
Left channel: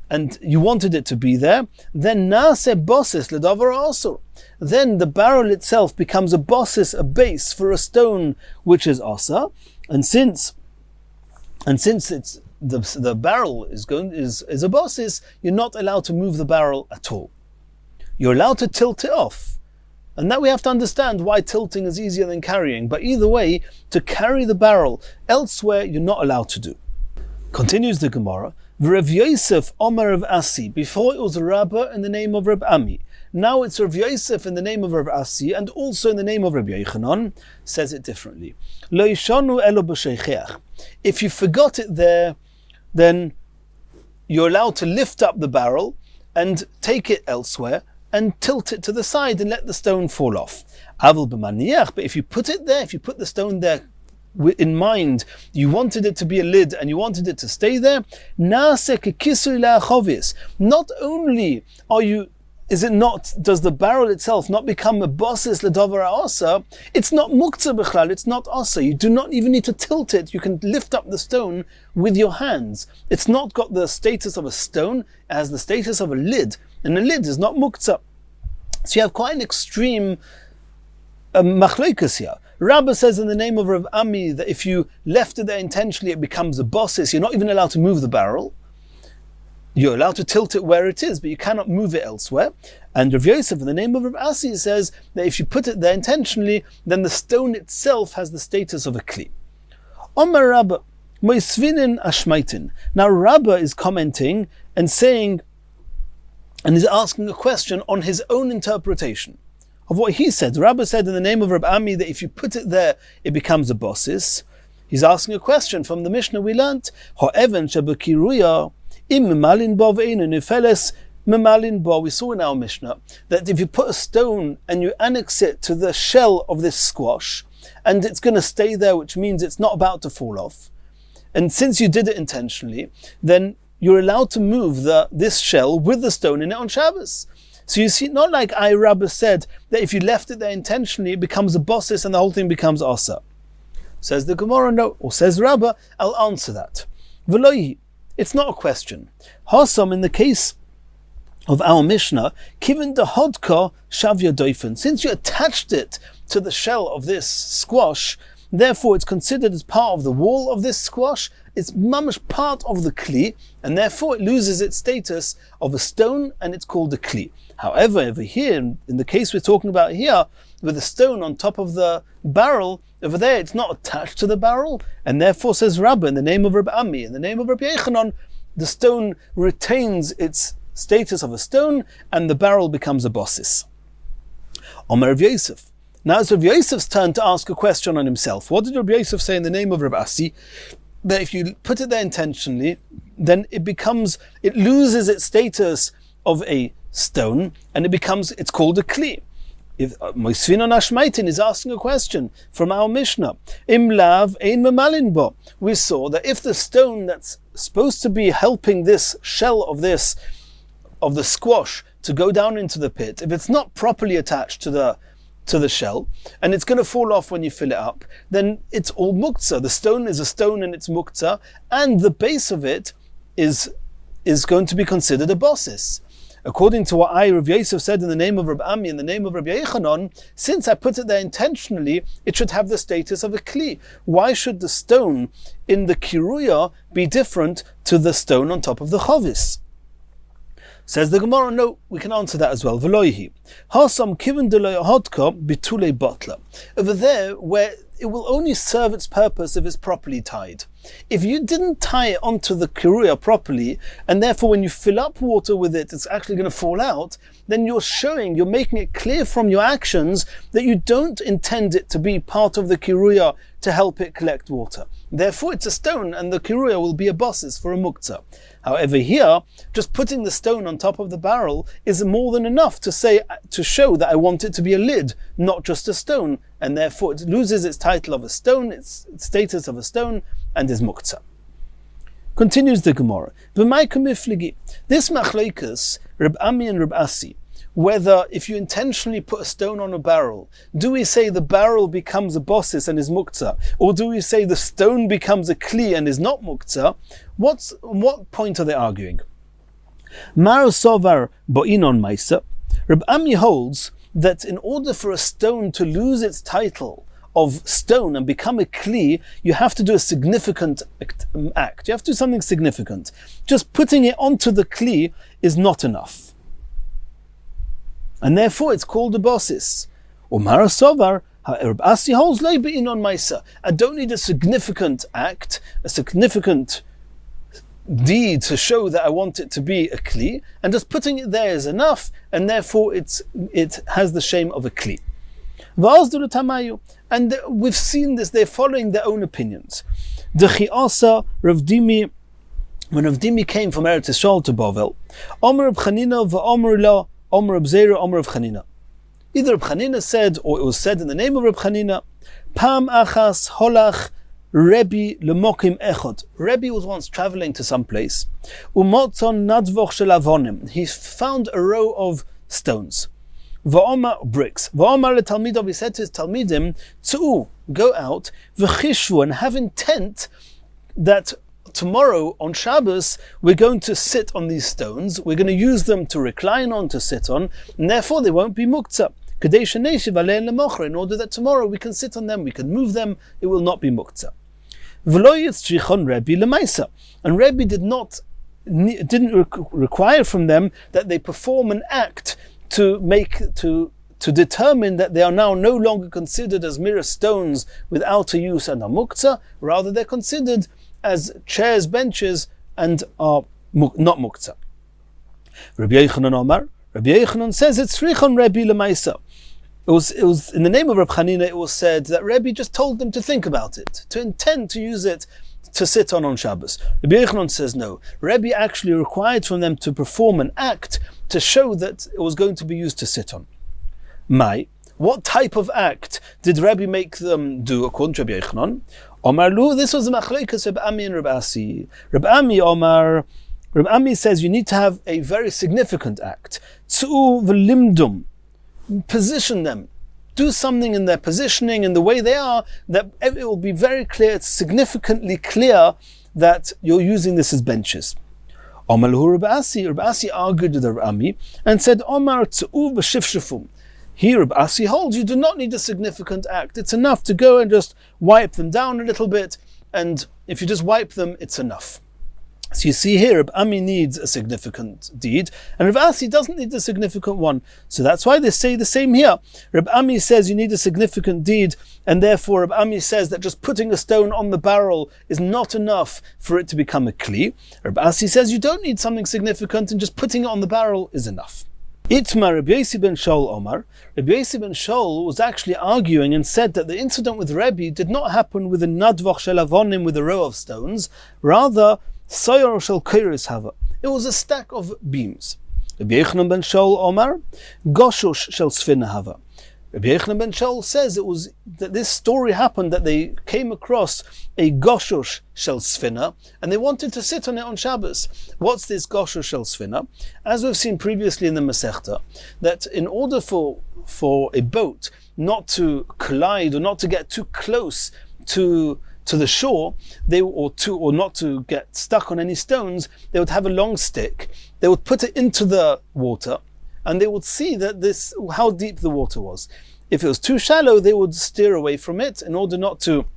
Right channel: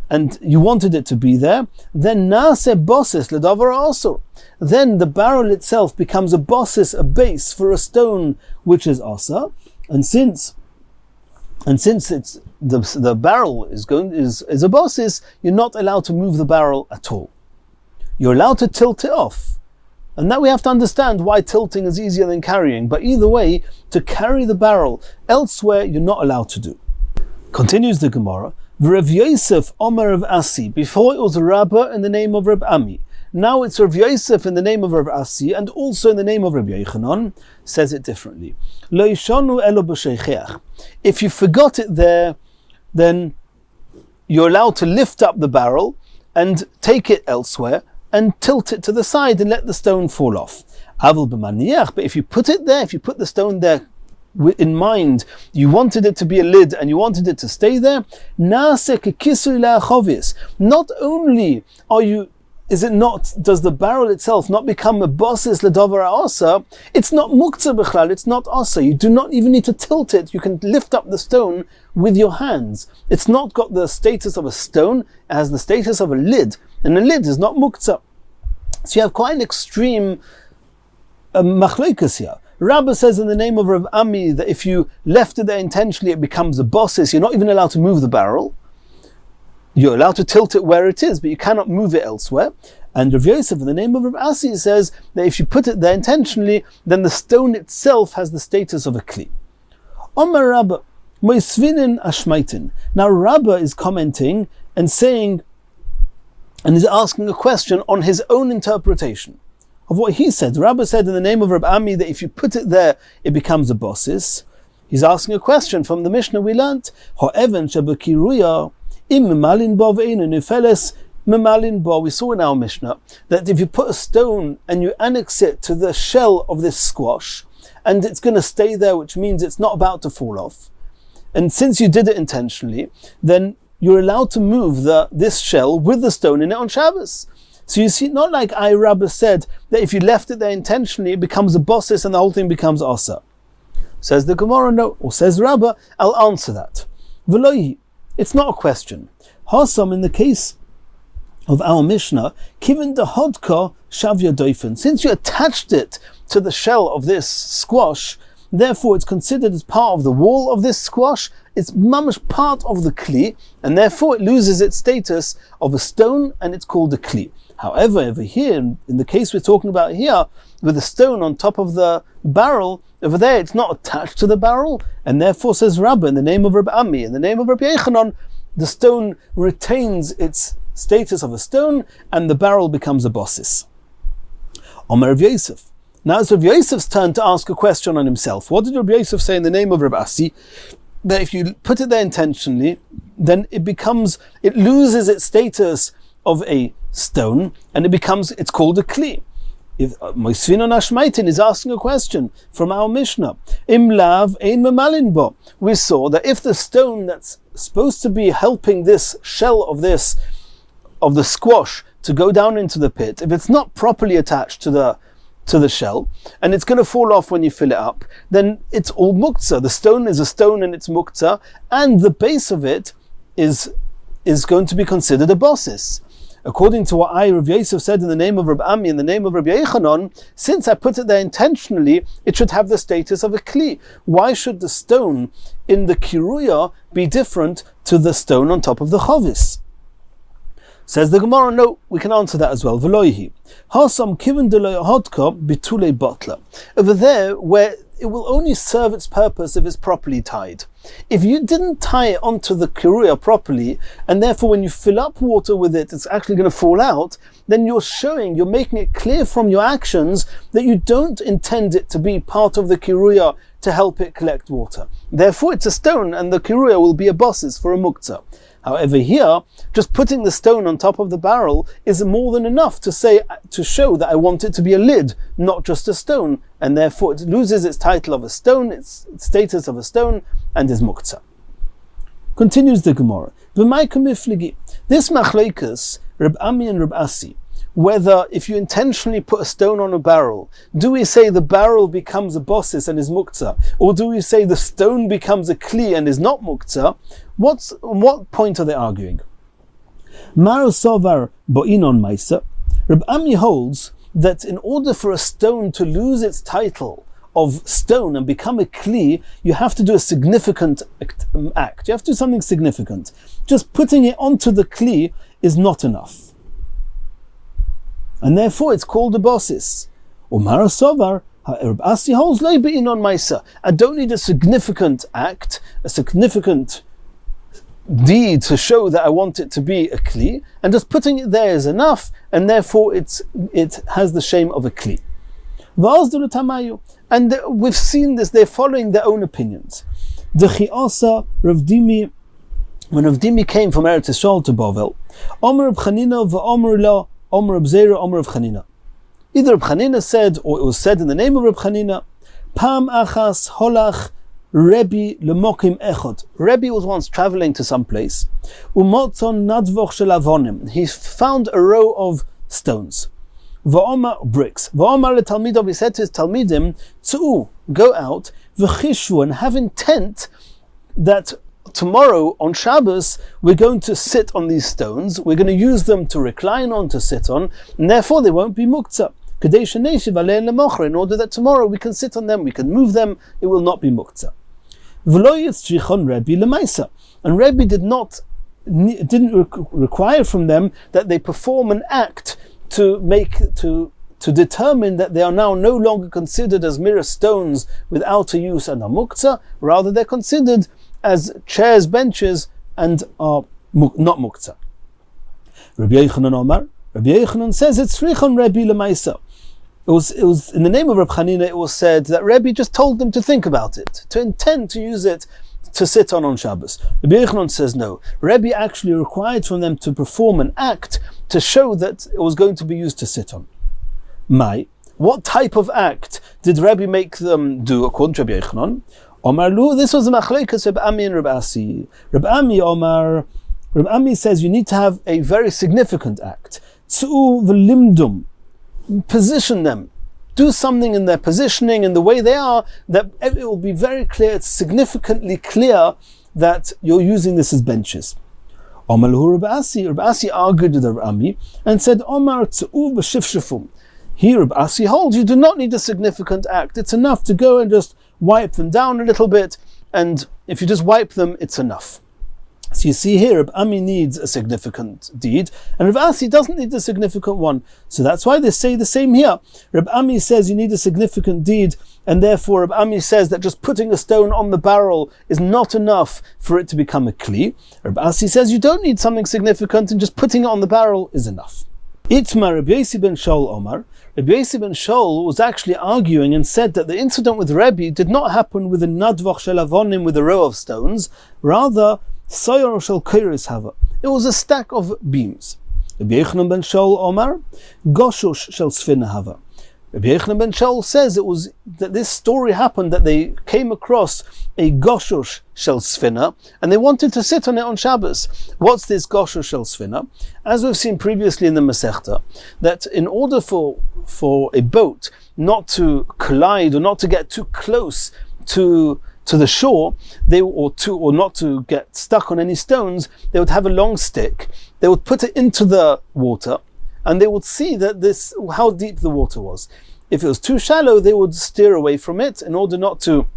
and you wanted it to be there, then nase bosses ledavar asur. Then the barrel itself becomes a bosses, a base for a stone which is asa, and since it's the barrel is a bosses, you're not allowed to move the barrel at all. You're allowed to tilt it off. And that we have to understand why tilting is easier than carrying. But either way, to carry the barrel elsewhere, you're not allowed to do. Continues the Gemara. Rav Yosef Omer of Asi. Before it was Rabbah in the name of Reb Ami. Now it's Rav Yosef in the name of Rav Asi and also in the name of Rabbi Yechanan. Says it differently. Lo yishanu elo b'sheicheach. If you forgot it there, then you're allowed to lift up the barrel and take it elsewhere and tilt it to the side and let the stone fall off. Aval b'maniach. But if you put it there, if you put the stone there in mind, you wanted it to be a lid and you wanted it to stay there, nase kekisui la'achovis. Not only does the barrel itself not become a bosses ledover asa, it's not muktzah b'chlal, it's not asa. You do not even need to tilt it. You can lift up the stone with your hands. It's not got the status of a stone, it has the status of a lid, and a lid is not muktzah. So you have quite an extreme machlokes here. Rabbah says in the name of Rav Ami that if you left it there intentionally, it becomes a bossis. You're not even allowed to move the barrel. You're allowed to tilt it where it is, but you cannot move it elsewhere. And Rav Yosef, in the name of Rav Asi, says that if you put it there intentionally, then the stone itself has the status of a kli. Omar Rabbah, moisvinin ashmaitin. Now Rabbah is commenting and saying, and is asking a question on his own interpretation of what he said. Rabbah said in the name of Rav Ami that if you put it there, it becomes a bossis. He's asking a question from the Mishnah we learnt. Ho'even shebekiruya im memalin bo ve'einu nifeles memalin bo. We saw in our Mishnah that if you put a stone and you annex it to the shell of this squash, and it's going to stay there, which means it's not about to fall off. And since you did it intentionally, then you're allowed to move this shell with the stone in it on Shabbos. So you see, not like Rabbah said that if you left it there intentionally, it becomes a bossis and the whole thing becomes asa. Says the Gemara, no. Or says Rabbah, I'll answer that. V'lohi, it's not a question. Hasam, in the case of our Mishnah, kiven de hodka shavya doifen. Since you attached it to the shell of this squash, therefore it's considered as part of the wall of this squash. It's mamash part of the kli, and therefore it loses its status of a stone, and it's called a kli. However, over here, in the case we're talking about here, with the stone on top of the barrel, over there it's not attached to the barrel, and therefore, says Rabbah, in the name of Rabbi Ami, in the name of Rabbi Yechanan, the stone retains its status of a stone, and the barrel becomes a bossis. Omer Rav Yosef. Now it's Rav Yosef's turn to ask a question on himself. What did Rav Yosef say in the name of Rav Asi? That if you put it there intentionally, then it loses its status of a stone, and it's called a kli. If Moisvinon Ashmaitin is asking a question from our Mishnah, Im lav ein memalin bo. We saw that if the stone that's supposed to be helping this shell of the squash to go down into the pit, if it's not properly attached to the shell, and it's going to fall off when you fill it up, then it's all muktzah. The stone is a stone and it's muktzah, and the base of it is going to be considered a bossis. According to what Rav Yosef said in the name of Rabbi Ami, in the name of Rabbi Yechanan, since I put it there intentionally, it should have the status of a kli. Why should the stone in the kiruya be different to the stone on top of the chovis? Says the Gemara, no, we can answer that as well. V'loihi. Hasam kiven deloi hodka bitule botla. Over there, where it will only serve its purpose if it's properly tied. If you didn't tie it onto the kiruya properly, and therefore when you fill up water with it, it's actually going to fall out, then you're making it clear from your actions that you don't intend it to be part of the kiruya to help it collect water. Therefore it's a stone, and the kiruya will be a bossis for a muktzah. However, here, just putting the stone on top of the barrel is more than enough to show that I want it to be a lid, not just a stone, and therefore it loses its title of a stone, its status of a stone, and is muktzah. Continues the Gemara. This machlekes, Reb Ami and Reb Asi, whether if you intentionally put a stone on a barrel, do we say the barrel becomes a bossis and is muktzah, or do we say the stone becomes a kli and is not muktzah? What point are they arguing? Mar sovar bo'inon maisa. Reb Ami holds that in order for a stone to lose its title of stone and become a kli, you have to do a significant act. You have to do something significant. Just putting it onto the kli is not enough. And therefore it's called a bossis. Umar sovar, Reb Asi holds lei be'inon maisa. I don't need a significant act, a significant deed to show that I want it to be a kli, and just putting it there is enough, and therefore it has the shame of a kli. And we've seen this, they're following their own opinions. Rav Dimi, when Rav Dimi came from Eretz Yisrael to Bavel, Omer Reb Chanina v'Omer la, Omer Reb Zera, Omer Reb Chanina. Either Reb Chanina said, or it was said in the name of Reb Chanina, Pam achas holach Rebbe lemokim echod. Rebbe was once traveling to some place. Umotzon nadvoch shel avonim. He found a row of stones. Va'omar, bricks. Va'omar letalmidov, he said to his talmidim, Tzu'u, go out, v'chishvu, and have intent that tomorrow on Shabbos we're going to sit on these stones, we're going to use them to recline on, to sit on, and therefore they won't be muktzah. in order that tomorrow we can sit on them, we can move them, it will not be muktzah. And Rebbe didn't require from them that they perform an act to determine that they are now no longer considered as mere stones without a use and are muktzah. Rather, they're considered as chairs, benches, and are not muktzah. Rabbi Yochanan says it's Tzrichon Rebbe Lemaisa. It was in the name of Reb Chanina. It was said that Rebbe just told them to think about it, to intend to use it to sit on Shabbos. Rabbi Yochanan says no. Rebbe actually required from them to perform an act to show that it was going to be used to sit on. What type of act did Rebbe make them do according to Rabbi Yochanan? Omar Lu, this was the machlekes Reb Ami and Reb Asi. Reb Ami says you need to have a very significant act. Tzu v'limdum. Position them. Do something in their positioning, in the way they are, that it will be very clear, it's significantly clear that you're using this as benches. Omar Lu Reb Asi argued with Reb Ami and said, Omar tzu v'shifshifum. Here, Reb Asi holds you do not need a significant act. It's enough to go and just wipe them down a little bit, and if you just wipe them, it's enough. So you see here, Reb Ami needs a significant deed, and Reb Asi doesn't need a significant one. So that's why they say the same here. Reb Ami says you need a significant deed, and therefore Reb Ami says that just putting a stone on the barrel is not enough for it to become a kli. Reb Asi says you don't need something significant, and just putting it on the barrel is enough. Itmar Rabbi Yosi ben Shaul Omar. Rabbi Yosi ben Shaul was actually arguing and said that the incident with Rebbe did not happen with a nadvach shel avonim with a row of stones, rather soyor shel keiros hava. It was a stack of beams. Rabbi Yochanan ben Shaul Omar, goshush shel sfina hava. Rabbi Yochanan ben Shaul says it was that this story happened that they came across a goshush shel sfina and they wanted to sit on it on Shabbos. What's this goshush shel sfina? As we've seen previously in the Masechta, that in order for a boat not to collide or not to get too close to the shore, or not to get stuck on any stones, they would have a long stick. They would put it into the water, and they would see that how deep the water was. If it was too shallow, they would steer away from it in order not to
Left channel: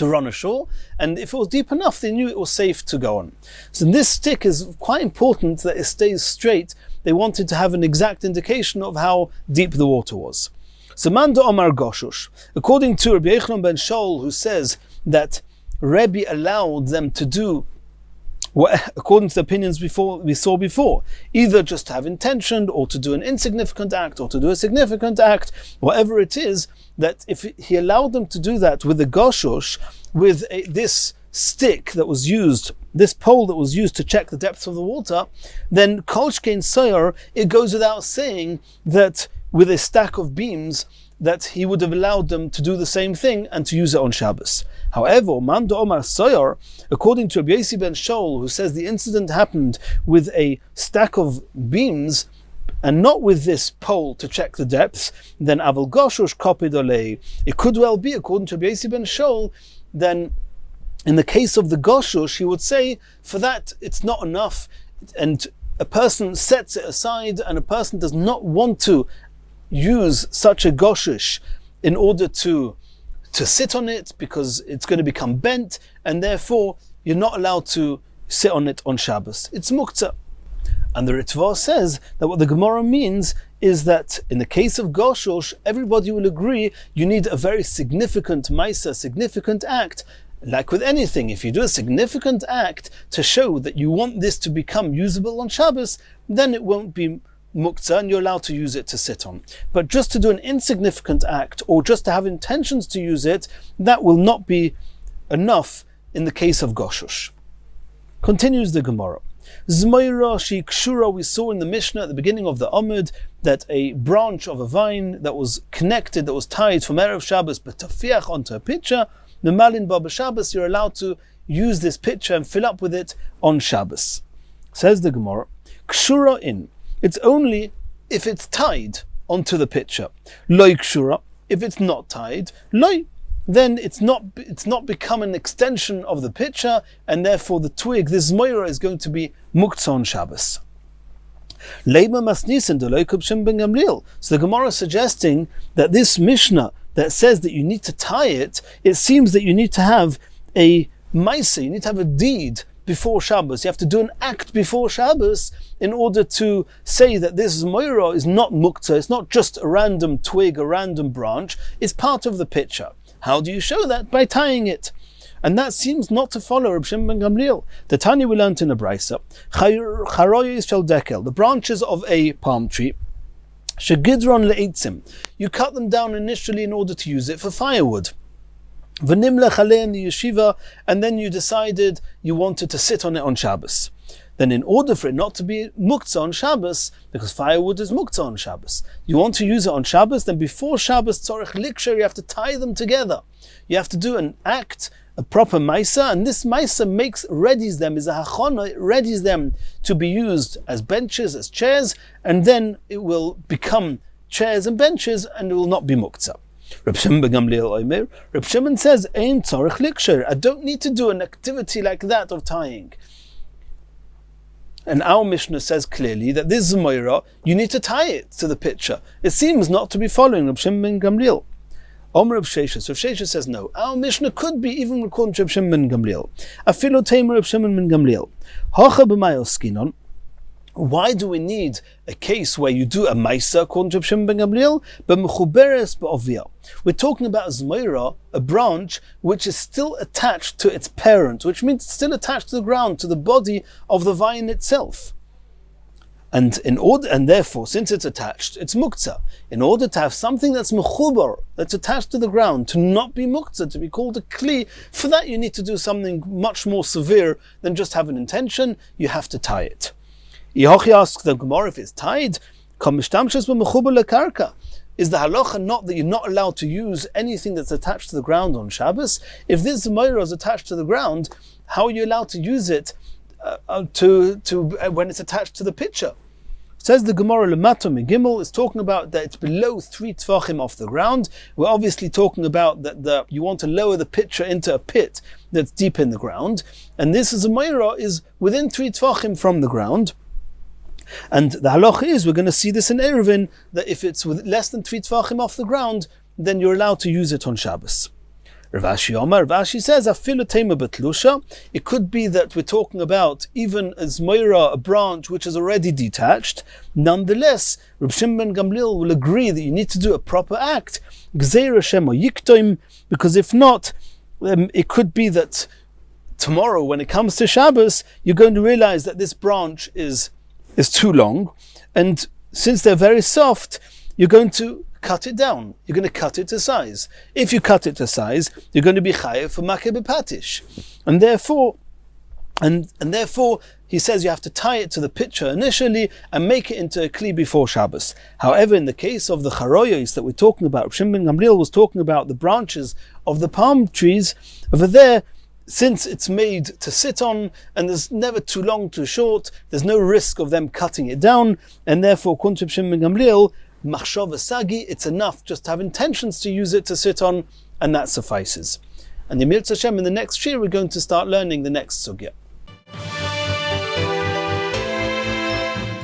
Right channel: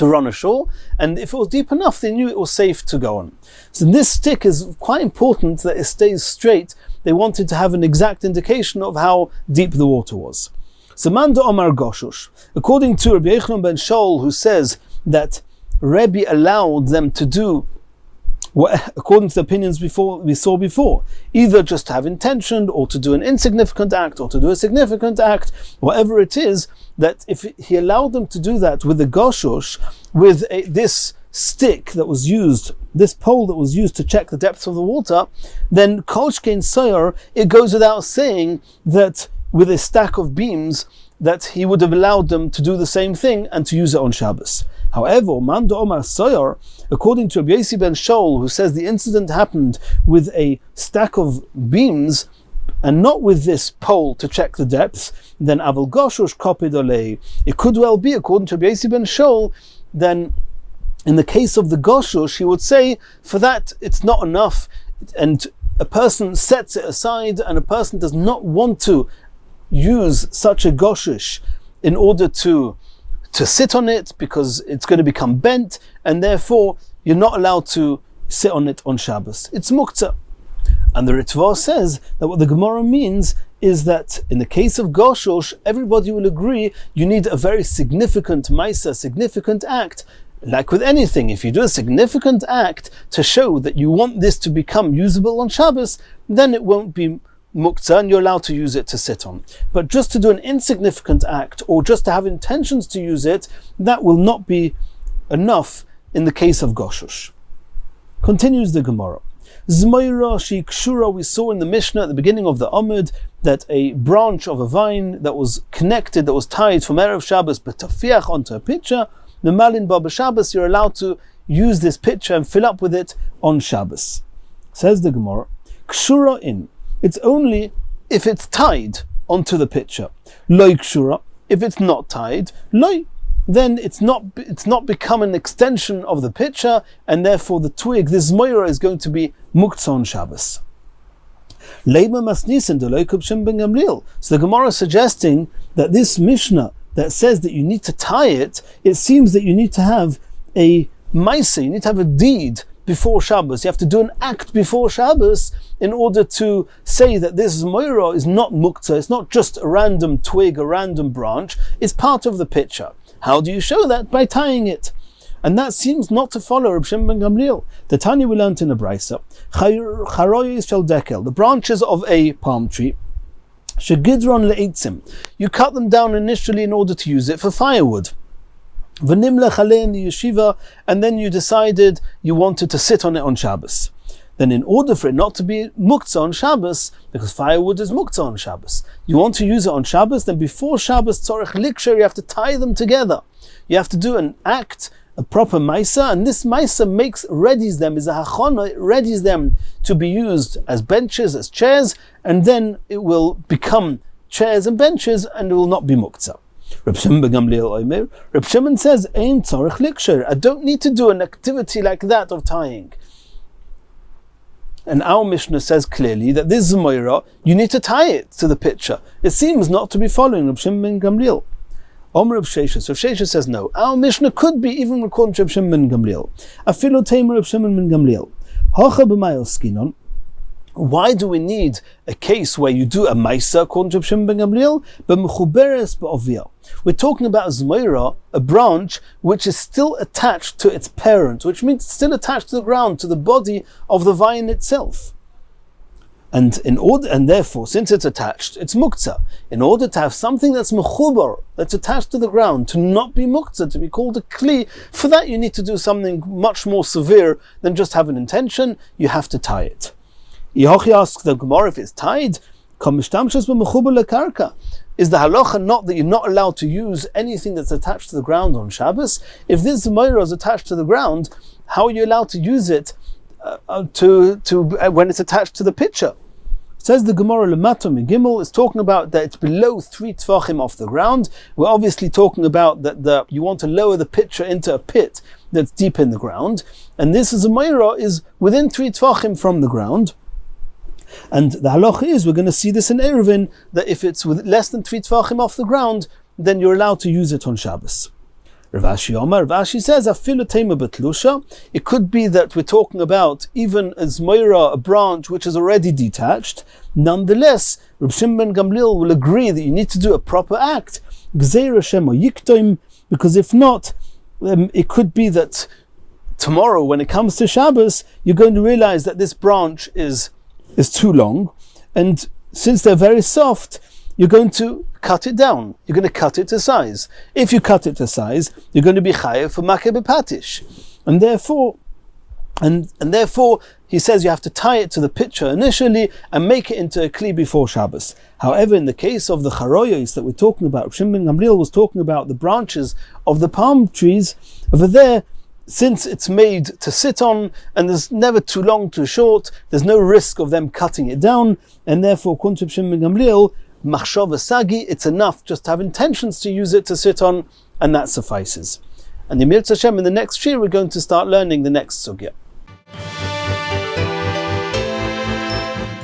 run ashore, and if it was deep enough, they knew it was safe to go on. So this stick is quite important that it stays straight. They wanted to have an exact indication of how deep the water was. So Manda Omar Goshush, according to Rabbi Yochanan ben Shaul, who says that Rebbe allowed them to do according to the opinions we saw before, either just to have intention, or to do an insignificant act, or to do a significant act, whatever it is, that if he allowed them to do that with the goshush, with this stick that was used, this pole that was used to check the depth of the water, then kol shkein soyor, it goes without saying that with a stack of beams, that he would have allowed them to do the same thing and to use it on Shabbos. However, Manda Omar Soyor, according to Rabbi Yosi ben Shaul, who says the incident happened with a stack of beams and not with this pole to check the depths, then Aval Goshush Kopid Olei. It could well be, according to Rabbi Yosi ben Shaul, then in the case of the Goshush, he would say, for that it's not enough, and a person sets it aside, and a person does not want to use such a goshush in order to sit on it because it's going to become bent, and therefore you're not allowed to sit on it on Shabbos. It's muktzah. And the Ritva says that what the Gemara means is that in the case of goshush, everybody will agree you need a very significant maisa, significant act. Like with anything, if you do a significant act to show that you want this to become usable on Shabbos, then it won't be muktzah and you're allowed to use it to sit on. But just to do an insignificant act, or just to have intentions to use it, that will not be enough in the case of goshush. Continues the Gemara. Zmoira shi kshura, we saw in the Mishnah at the beginning of the Amud that a branch of a vine that was connected, that was tied from Erev Shabbos but tafiach onto a pitcher, the malin ba b'Shabbos, you're allowed to use this pitcher and fill up with it on Shabbos. Says the Gemara, kshura in, it's only if it's tied onto the pitcher. Loi kshura, if it's not tied, loi, then it's not become an extension of the pitcher, and therefore the twig, this moira, is going to be muktzah on Shabbos. Lema masnisen deloi kubshim ben Gamliel. So the Gemara is suggesting that this Mishnah that says that you need to tie it, it seems that you need to have a maisa, you need to have a deed before Shabbos. You have to do an act before Shabbos in order to say that this moira is not muktzah, it's not just a random twig, a random branch, it's part of the picture. How do you show that? By tying it. And that seems not to follow Reb Shimon ben Gamliel. The Tanya we learned in the Brisa, charoyis shel dekel, the branches of a palm tree, shegidron le'etzim, you cut them down initially in order to use it for firewood. V'nimlech aleh in the yeshiva, and then you decided you wanted to sit on it on Shabbos. Then in order for it not to be muktzah on Shabbos, because firewood is muktzah on Shabbos, you want to use it on Shabbos, then before Shabbos tzorech liksher, you have to tie them together. You have to do an act, a proper maisa, and this maisa readies them, is a hachana, it readies them to be used as benches, as chairs, and then it will become chairs and benches, and it will not be muktzah. Reb Shimon ben Gamliel Omer, Reb Shimon says, Ein tzorech liksher, I don't need to do an activity like that of tying. And our Mishnah says clearly that this Zmoira, you need to tie it to the picture. It seems not to be following Reb Shimon ben Gamliel. Omer Reb Sheshes. So Sheshes says no. Our Mishnah could be even recording Reb Shimon ben Gamliel. Afilo Tamer Reb Shimon ben Gamliel. Hacha b'mayos skinon. Why do we need a case where you do a maisa according to Reb Shimon ben Gamliel, but mechuberes ba'ovia? We're talking about a zmoira, a branch which is still attached to its parent, which means it's still attached to the ground, to the body of the vine itself. And therefore, since it's attached, it's muktzah. In order to have something that's mechuber, that's attached to the ground, to not be muktzah, to be called a kli, for that you need to do something much more severe than just have an intention. You have to tie it. Yehochi asks the Gemara if it's tied. Is the halacha not that you're not allowed to use anything that's attached to the ground on Shabbos? If this Zmoira is attached to the ground, how are you allowed to use it when it's attached to the pitcher? Says the Gemara Lemato Megimel is talking about that it's below 3 tvachim off the ground. We're obviously talking about that you want to lower the pitcher into a pit that's deep in the ground, and this Zmoira is within 3 tvachim from the ground. And the halacha is, we're going to see this in Eruvin, that if it's with less than 3 tvachim off the ground, then you're allowed to use it on Shabbos. Rav Ashi says, Afilu tema betlusha. It could be that we're talking about even a zmoira, a branch which is already detached. Nonetheless, Reb Shimon ben Gamliel will agree that you need to do a proper act, gzeira shema yiktoim, because if not, it could be that tomorrow, when it comes to Shabbos, you're going to realize that this branch is too long, and since they're very soft, you're going to cut it down. You're going to cut it to size. If you cut it to size, you're going to be chayav for makeh b'patish, and therefore, he says you have to tie it to the pitcher initially and make it into a kli before Shabbos. However, in the case of the charoyos that we're talking about, Shimon ben Gamliel was talking about the branches of the palm trees over there. Since it's made to sit on, and there's never too long, too short, there's no risk of them cutting it down, and therefore, according to Shimon ben Gamliel, machshava sagi, it's enough just to have intentions to use it to sit on, and that suffices. And the Mir Hashem, in the next year, we're going to start learning the next sugya.